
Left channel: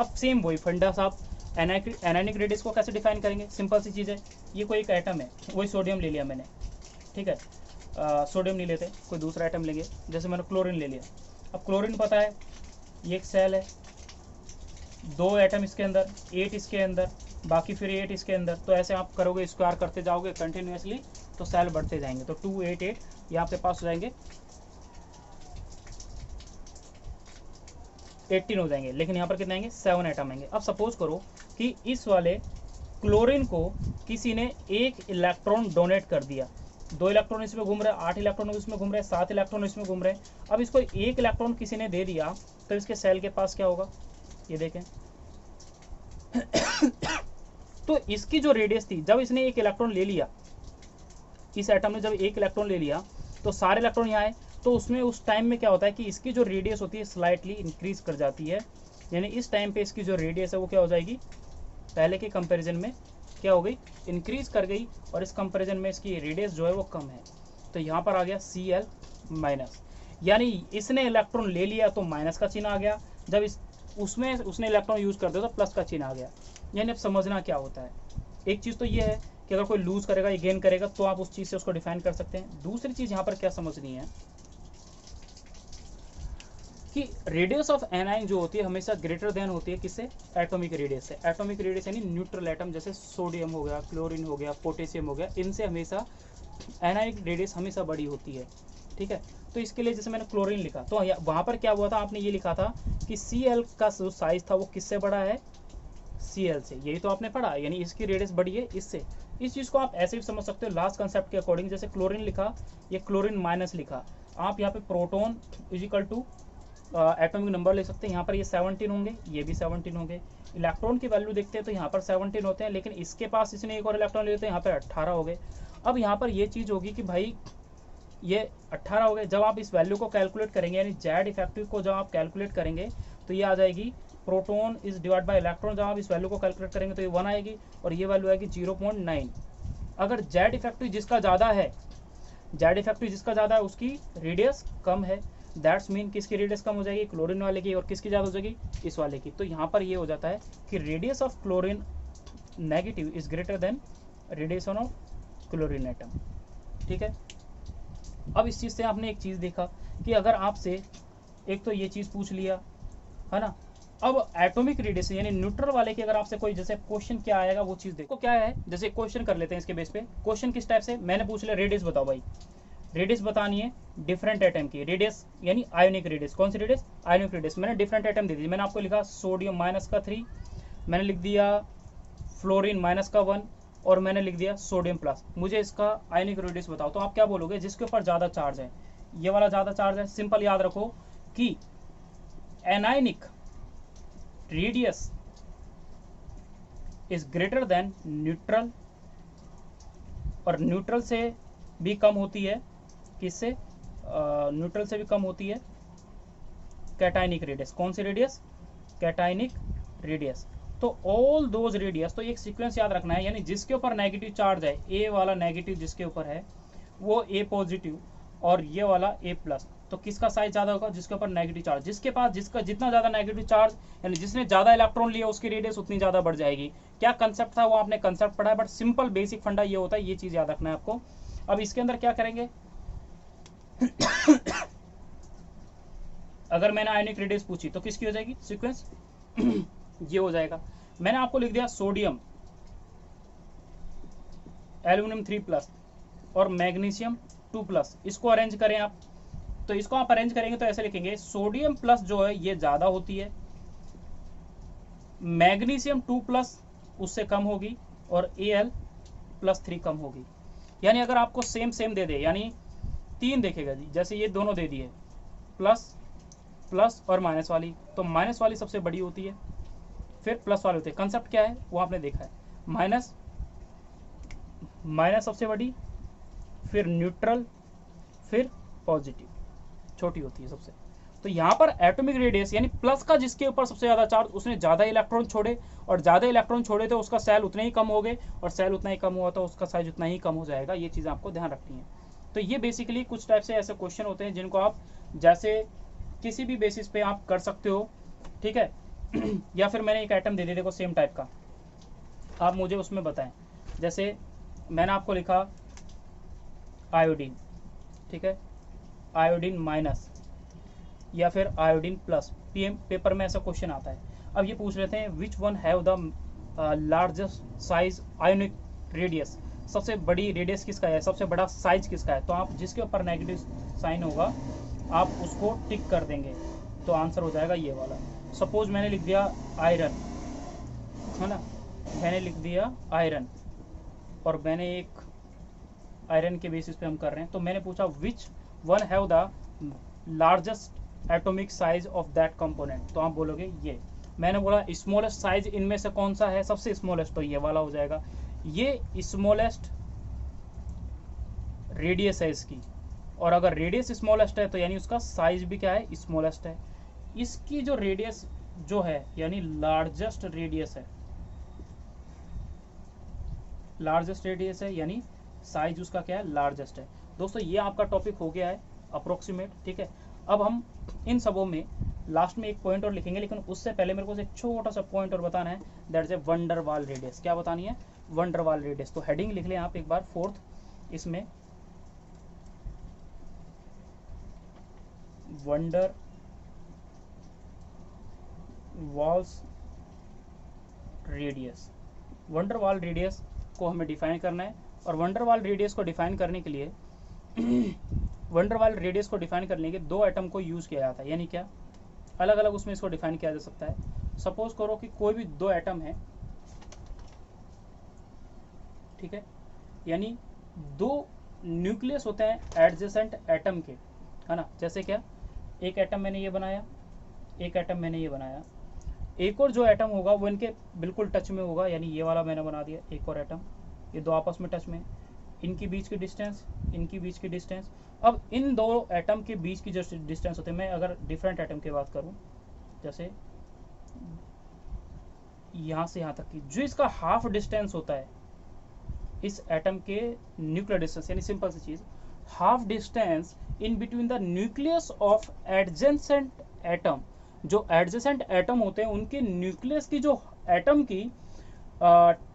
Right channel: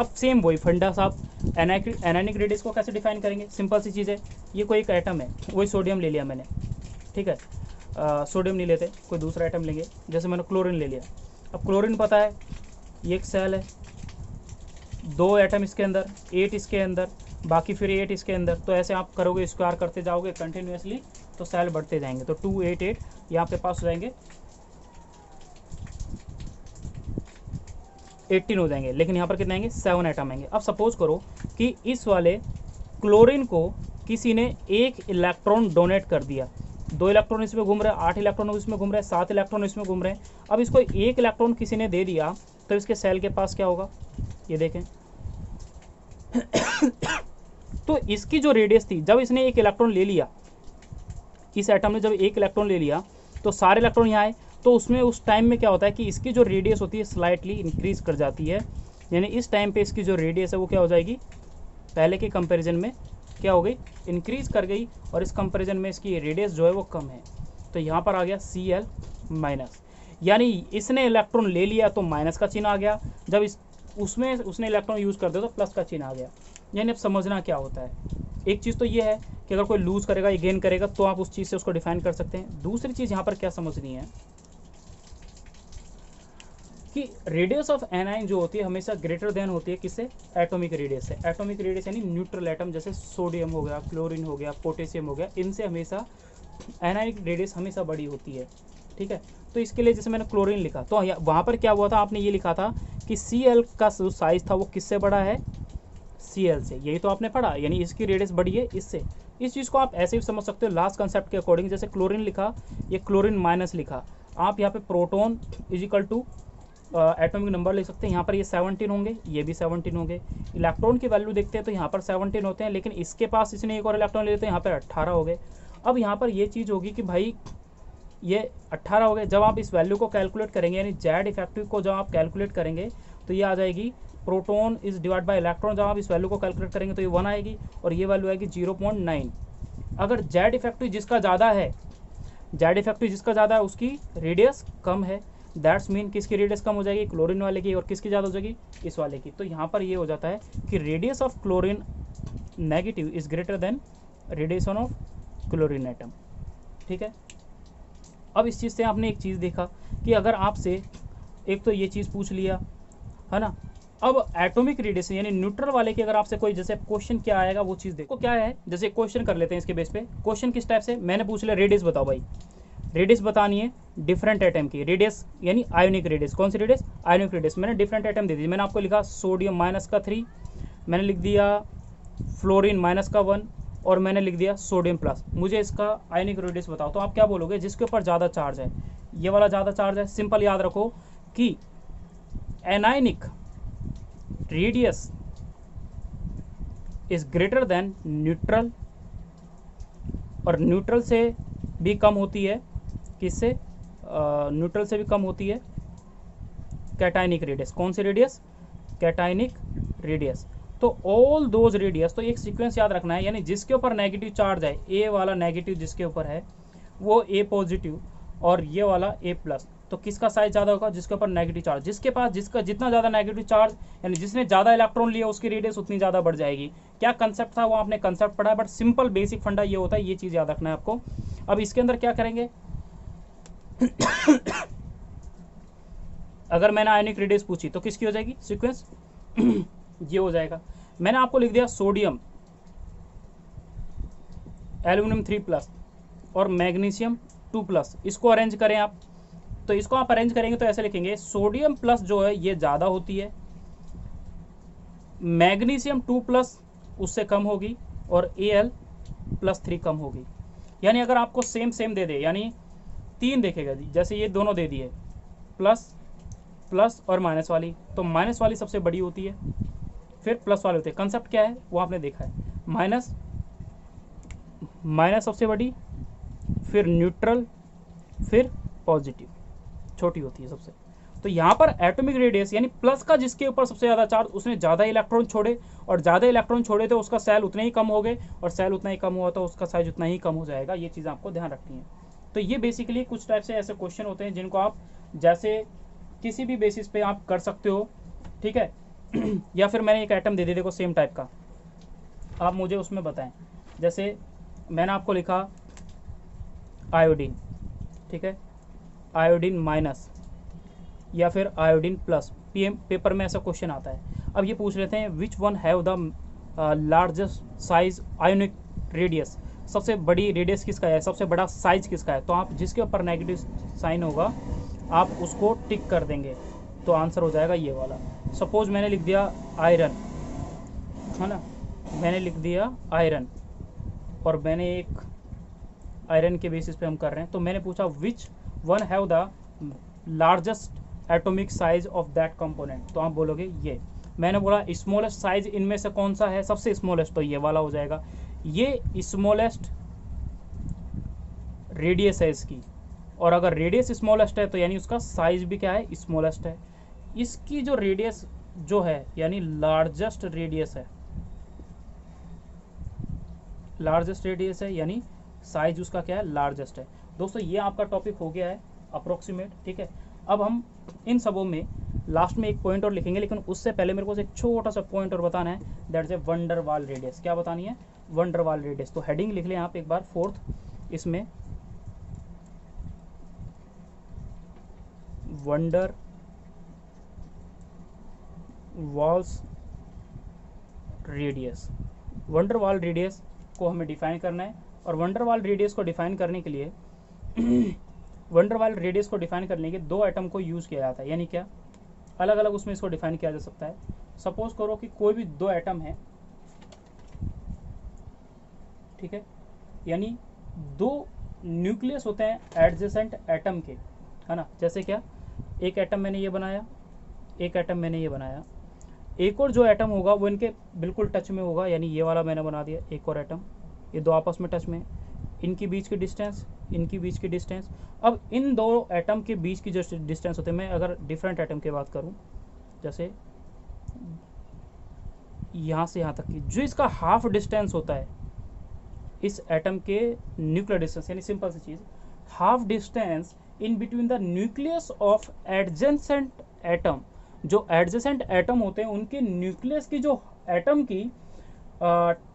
अब सेम वही फंडा साहब, एनायनिक रेडियस को कैसे डिफाइन करेंगे, सिंपल सी चीज़ है। ये कोई एक एटम है, वही सोडियम ले लिया मैंने, ठीक है, सोडियम नहीं लेते, कोई दूसरा एटम लेंगे, जैसे मैंने क्लोरीन ले लिया। अब क्लोरीन पता है ये एक सेल है, 2 एटम इसके अंदर, 8 इसके अंदर, बाकी फिर 8 इसके अंदर, तो ऐसे आप करोगे, स्क्वायर करते जाओगे कंटिन्यूसली तो सेल बढ़ते जाएंगे, तो 2 8 8 ये आपके पास हो जाएंगे 18 हो जाएंगे। लेकिन यहाँ पर कितने आएंगे, 7 एटम आएंगे। अब सपोज करो कि इस वाले क्लोरीन को किसी ने 1 इलेक्ट्रॉन डोनेट कर दिया, 2 इलेक्ट्रॉन इसमें घूम रहे हैं, 8 इलेक्ट्रॉन इसमें घूम रहे हैं, 7 इलेक्ट्रॉन इसमें घूम रहे हैं। अब इसको 1 इलेक्ट्रॉन किसी ने दे दिया तो इसके सेल के पास क्या होगा, ये देखें। तो इसकी जो रेडियस थी, जब इसने 1 इलेक्ट्रॉन ले लिया, इस एटम ने जब 1 इलेक्ट्रॉन ले लिया तो सारे इलेक्ट्रॉन यहाँ आए, तो उसमें उस टाइम में क्या होता है कि इसकी जो रेडियस होती है स्लाइटली इंक्रीज कर जाती है। यानी इस टाइम पे इसकी जो रेडियस है वो क्या हो जाएगी, पहले के कंपैरिजन में क्या हो गई, इंक्रीज कर गई, और इस कंपैरिजन में इसकी रेडियस जो है वो कम है। तो यहाँ पर आ गया Cl-, यानी इसने इलेक्ट्रॉन ले लिया तो माइनस का चिन्ह आ गया, जब उसमें उसने इलेक्ट्रॉन यूज कर दिया तो प्लस का चिन्ह आ गया। यानी अब समझना क्या होता है, एक चीज़ तो ये है कि अगर कोई लूज करेगा या गेन करेगा तो आप उस चीज़ से उसको डिफाइन कर सकते हैं। दूसरी चीज़ यहाँ पर क्या समझनी है कि रेडियस ऑफ एनाइन जो होती है हमेशा ग्रेटर देन होती है किससे, एटॉमिक रेडियस से। एटॉमिक रेडियस यानी न्यूट्रल एटम, जैसे सोडियम हो गया, क्लोरीन हो गया, पोटेशियम हो गया, इनसे हमेशा एनाइक रेडियस हमेशा बड़ी होती है। ठीक है, तो इसके लिए जैसे मैंने क्लोरीन लिखा तो वहाँ पर क्या हुआ था, आपने ये लिखा था कि Cl का जो साइज था वो किससे बड़ा है, Cl से। यही तो आपने पढ़ा, यानी इसकी रेडियस बड़ी है इससे। इस चीज़ को आप ऐसे भी समझ सकते हो लास्ट कंसेप्ट के अकॉर्डिंग, जैसे क्लोरीन लिखा, ये क्लोरीन माइनस लिखा, आप यहाँ पे proton equal to atomic number ले सकते हैं। यहाँ पर ये 17 होंगे, ये भी 17 होंगे। इलेक्ट्रॉन की वैल्यू देखते हैं तो यहाँ पर 17 होते हैं, लेकिन इसके पास इसने एक और इलेक्ट्रॉन ले लेते हैं, यहाँ पर 18 हो गए। अब यहाँ पर ये चीज़ होगी कि भाई ये 18 हो गए। जब आप इस वैल्यू को कैलकुलेट करेंगे, यानी जेड इफेक्टिव को जब आप कैलकुलेट करेंगे तो ये आ जाएगी proton is divide by electron. जब आप इस वैल्यू को कैलकुलेट करेंगे तो ये 1 आएगी, और ये वैल्यू आएगी 0.9। अगर जेड इफेक्टिव जिसका ज़्यादा है, जेड इफेक्टिव जिसका ज़्यादा है उसकी रेडियस कम है, दैट्स मीन किसकी रेडियस कम हो जाएगी, क्लोरीन वाले की, और किसकी ज़्यादा हो जाएगी, इस वाले की। तो यहाँ पर ये हो जाता है कि radius of chlorine negative is greater then radiation of chlorine atom. ठीक है, अब इस चीज़ से आपने एक चीज़ देखा कि अगर आपसे एक तो ये चीज़ पूछ लिया है ना, अब एटॉमिक रेडियस यानी न्यूट्रल वाले की अगर आपसे कोई जैसे क्वेश्चन क्या आएगा वो चीज़ देखो क्या है। जैसे क्वेश्चन कर लेते हैं इसके बेस पे। क्वेश्चन किस टाइप से, मैंने पूछ लिया रेडियस बताओ भाई, रेडियस बतानी है डिफरेंट एटम की, रेडियस यानी आयोनिक रेडियस। कौन सी रेडियस, आयोनिक रेडियस। मैंने डिफरेंट एटम दे दी, मैंने आपको लिखा सोडियम -3, मैंने लिख दिया फ्लोरीन माइनस का 1 और मैंने लिख दिया सोडियम प्लस। मुझे इसका आयनिक रेडियस बताओ, तो आप क्या बोलोगे? जिसके ऊपर ज़्यादा चार्ज है, ये वाला ज़्यादा चार्ज है। सिंपल याद रखो कि anionic radius is greater then neutral, और न्यूट्रल से भी कम होती है, किससे? न्यूट्रल से भी कम होती है कैटायनिक रेडियस। कौन सी रेडियस? Cationic radius. तो ऑल दोज रेडियस, तो एक सीक्वेंस याद रखना है, यानी जिसके ऊपर नेगेटिव चार्ज है, ए वाला नेगेटिव जिसके ऊपर है वो ए पॉजिटिव, और ये वाला ए प्लस। तो किसका साइज ज़्यादा होगा? जिसके ऊपर नेगेटिव चार्ज। जिसके पास जिसका जितना ज़्यादा नेगेटिव चार्ज, यानी जिसने ज़्यादा इलेक्ट्रॉन लिया, उसकी रेडियस उतनी ज़्यादा बढ़ जाएगी। क्या कंसेप्ट था वो आपने कंसेप्ट पढ़ा है, बट सिंपल बेसिक फंडा ये होता है, ये चीज़ याद रखना है आपको। अब इसके अंदर क्या करेंगे अगर मैंने आयनिक रेडियस पूछी तो किसकी हो जाएगी सीक्वेंस? ये हो जाएगा। मैंने आपको लिख दिया सोडियम, एल्यूमिनियम 3+ और मैग्नीशियम 2+। इसको अरेंज करें आप, तो इसको आप अरेंज करेंगे तो ऐसे लिखेंगे, सोडियम प्लस जो है ये ज़्यादा होती है, मैग्नीशियम 2+ उससे कम होगी, और Al+3 कम होगी। यानी अगर आपको सेम सेम दे दे, यानी 3 देखेगा जी, जैसे ये दोनों दे दिए प्लस प्लस और माइनस वाली, तो माइनस वाली सबसे बड़ी होती है, फिर प्लस वाले होते हैं। कंसेप्ट क्या है वो आपने देखा है, माइनस माइनस सबसे बड़ी, फिर न्यूट्रल, फिर पॉजिटिव छोटी होती है सबसे। तो यहाँ पर एटॉमिक रेडियस यानी प्लस का जिसके ऊपर सबसे ज़्यादा चार्ज, उसने ज़्यादा इलेक्ट्रॉन छोड़े, और ज़्यादा इलेक्ट्रॉन छोड़े तो उसका सेल उतने ही कम हो गए, और सेल उतना ही कम हुआ तो उसका साइज उतना ही कम हो जाएगा। ये चीज़ आपको ध्यान रखनी है। तो ये बेसिकली कुछ टाइप से ऐसे क्वेश्चन होते हैं जिनको आप जैसे किसी भी बेसिस पे आप कर सकते हो, ठीक है। या फिर मैंने एक आइटम दे दिया, देखो सेम टाइप का, आप मुझे उसमें बताएं। जैसे मैंने आपको लिखा आयोडीन, ठीक है, आयोडीन माइनस या फिर आयोडीन प्लस। पीएम पेपर में ऐसा क्वेश्चन आता है। अब ये पूछ लेते हैं which one have the largest size ionic radius, सबसे बड़ी रेडियस किसका है, सबसे बड़ा साइज किसका है। तो आप जिसके ऊपर नेगेटिव साइन होगा आप उसको टिक कर देंगे, तो आंसर हो जाएगा ये वाला। सपोज मैंने लिख दिया आयरन, है ना, मैंने लिख दिया आयरन, और मैंने एक आयरन के बेसिस पे हम कर रहे हैं, तो मैंने पूछा which one have the largest atomic size of that component, तो आप बोलोगे ये। मैंने बोला स्मॉलेस्ट साइज इनमें से कौन सा है, सबसे स्मॉलेस्ट, तो ये वाला हो जाएगा। ये स्मॉलेस्ट रेडियस है इसकी, और अगर रेडियस स्मॉलेस्ट है तो यानी उसका साइज भी क्या है, स्मॉलेस्ट है। इसकी जो रेडियस जो है यानी लार्जेस्ट रेडियस है, लार्जेस्ट रेडियस है यानी साइज उसका क्या है, लार्जेस्ट है। दोस्तों ये आपका टॉपिक हो गया है अप्रोक्सीमेट, ठीक है। अब हम इन सबों में लास्ट में एक पॉइंट और लिखेंगे, लेकिन उससे पहले मेरे को एक छोटा सा पॉइंट और बताना है, that is a wonder Waal radius. क्या बतानी है, वंडर वाल रेडियस। तो हेडिंग लिख लें आप एक बार, 4th इसमें van der Waals radius. Van der Waal radius को हमें डिफाइन करना है, और वंडर वाल रेडियस को डिफाइन करने के लिए वंडर वाल रेडियस को डिफाइन करने के 2 आइटम को यूज़ किया जाता है। यानी क्या, अलग अलग उसमें इसको डिफाइन किया जा सकता है। सपोज करो कि कोई भी 2 आइटम है, ठीक है, यानी 2 न्यूक्लियस होते हैं एडजेसेंट एटम के, है ना। जैसे क्या, एक एटम मैंने ये बनाया, एक एटम मैंने ये बनाया, एक और जो एटम होगा वो इनके बिल्कुल टच में होगा, यानी ये वाला मैंने बना दिया एक और एटम, ये 2 आपस में टच में, इनकी बीच की डिस्टेंस, इनकी बीच की डिस्टेंस। अब इन 2 एटम के बीच की जो डिस्टेंस होते हैं, मैं अगर डिफरेंट एटम की बात करूं, जैसे यहाँ से यहाँ तक की, जो इसका हाफ डिस्टेंस होता है इस एटम के न्यूक्लियर डिस्टेंस, यानी सिंपल सी चीज़, half distance in between the nucleus of adjacent atom. जो एडजेसेंट एटम होते हैं उनके न्यूक्लियस की जो एटम की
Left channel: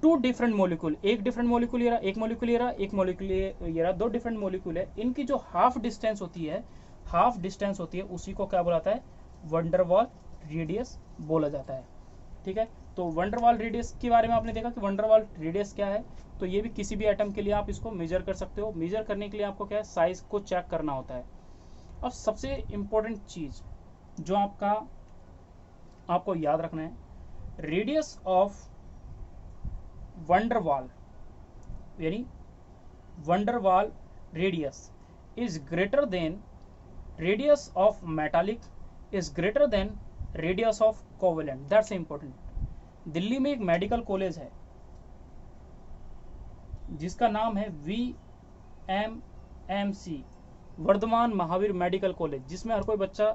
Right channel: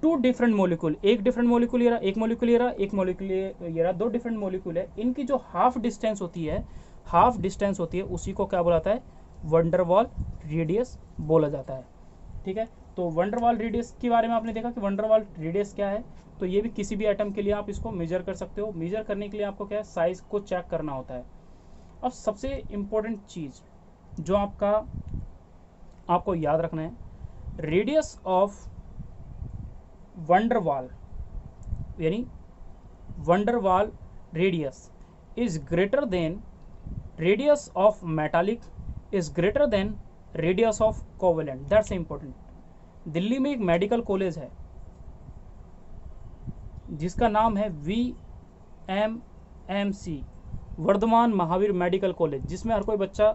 2 डिफरेंट मोलिक्यूल, एक डिफरेंट मोलिक्यूल ये रहा, एक मोलिक्यूल ये रहा, एक मोलिक्यूल ये रहा, 2 डिफरेंट मोलिक्यूल है, इनकी जो हाफ डिस्टेंस होती है, हाफ डिस्टेंस होती है, उसी को क्या बोलाता है, वंडरवाल रेडियस बोला जाता है, ठीक है। तो वंडरवाल रेडियस के बारे में आपने देखा कि वंडरवाल रेडियस क्या है। तो ये भी किसी भी एटम के लिए आप इसको मेजर कर सकते हो। मेजर करने के लिए आपको क्या है, साइज को चेक करना होता है। अब सबसे इम्पोर्टेंट चीज़ जो आपको याद रखना है, रेडियस ऑफ वंडरवाल यानी van der Waal radius is greater than radius of metallic is greater than radius of covalent. That's important. Delhi में एक मेडिकल कॉलेज है जिसका नाम है VMMC, Vardhman Mahavir medical college, जिसमें हर कोई बच्चा,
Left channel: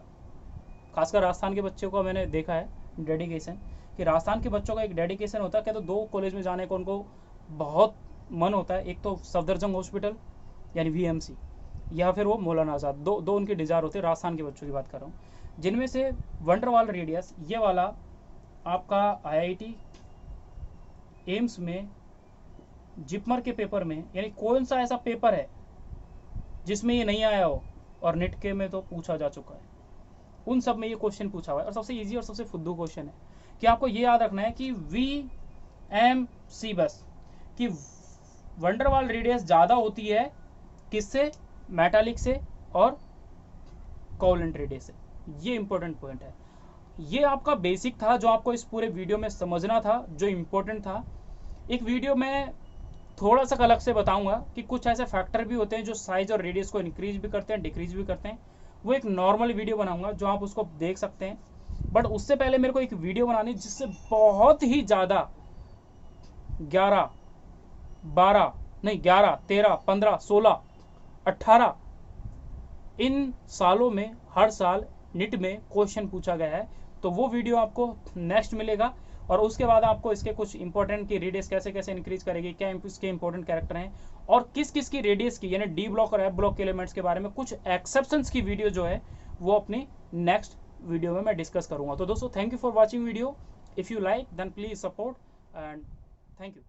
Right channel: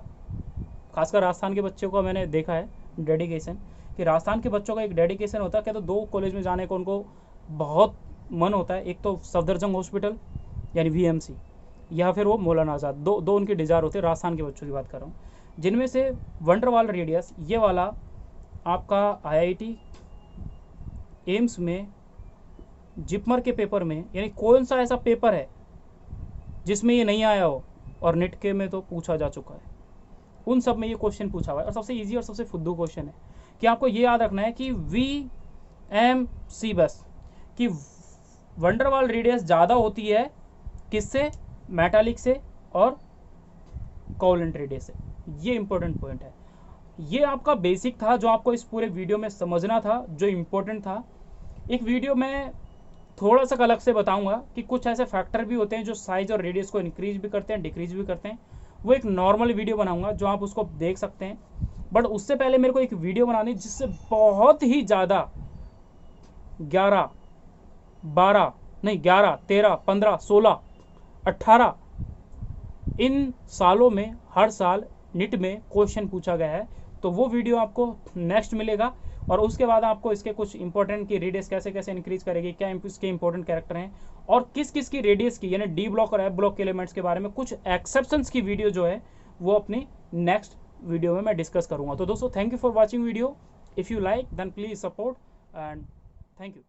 खासकर राजस्थान के बच्चों को मैंने देखा है डेडिकेशन, कि राजस्थान के बच्चों का एक डेडिकेशन होता है। क्या तो दो कॉलेज में जाने को उनको बहुत मन होता है। एक तो सफदरजंग हॉस्पिटल यानी VMC, या फिर वो मौलाना आज़ाद, दो उनके डिज़ायर होते हैं। राजस्थान के बच्चों की बात कर रहा हूँ, जिनमें से वंडरवाल रेडियस ये वाला आपका IIT एम्स में जिपमर के पेपर में, यानी कौन सा ऐसा पेपर है जिसमें ये नहीं आया हो, और नेट के में तो पूछा जा चुका है, उन सब में ये क्वेश्चन पूछा हुआ है। और सबसे इजी और सबसे फुद्दू क्वेश्चन है कि आपको ये याद रखना है कि VMC बस कि वंडरवाल रेडियस ज़्यादा होती है किससे, मेटालिक से और कोवेलेंट रेडियस से। ये इंपॉर्टेंट पॉइंट है। ये आपका बेसिक था जो आपको इस पूरे वीडियो में समझना था, जो इम्पोर्टेंट था। एक वीडियो में थोड़ा सा अलग से बताऊंगा कि कुछ ऐसे फैक्टर भी होते हैं जो साइज और रेडियस को इंक्रीज भी करते हैं, डिक्रीज भी करते हैं। वो एक नॉर्मल वीडियो बनाऊंगा जो आप उसको देख सकते हैं। बट उससे पहले मेरे को एक वीडियो बनानी जिससे बहुत ही ज़्यादा 11, 13, 15, 16, 18 इन सालों में हर साल नीट में क्वेश्चन पूछा गया है। तो वो वीडियो आपको नेक्स्ट मिलेगा, और उसके बाद आपको इसके कुछ इंपॉर्टेंट की रेडियस कैसे कैसे इंक्रीज करेगी, क्या इसके इंपॉर्टेंट कैरेक्टर हैं, और किस किस की रेडियस की यानी डी ब्लॉक और एफ ब्लॉक के एलिमेंट्स के बारे में कुछ एक्सेप्शंस की वीडियो जो है वो अपनी नेक्स्ट वीडियो में मैं डिस्कस करूंगा। तो दोस्तों, thank you for watching video. If you like then please support and thank you.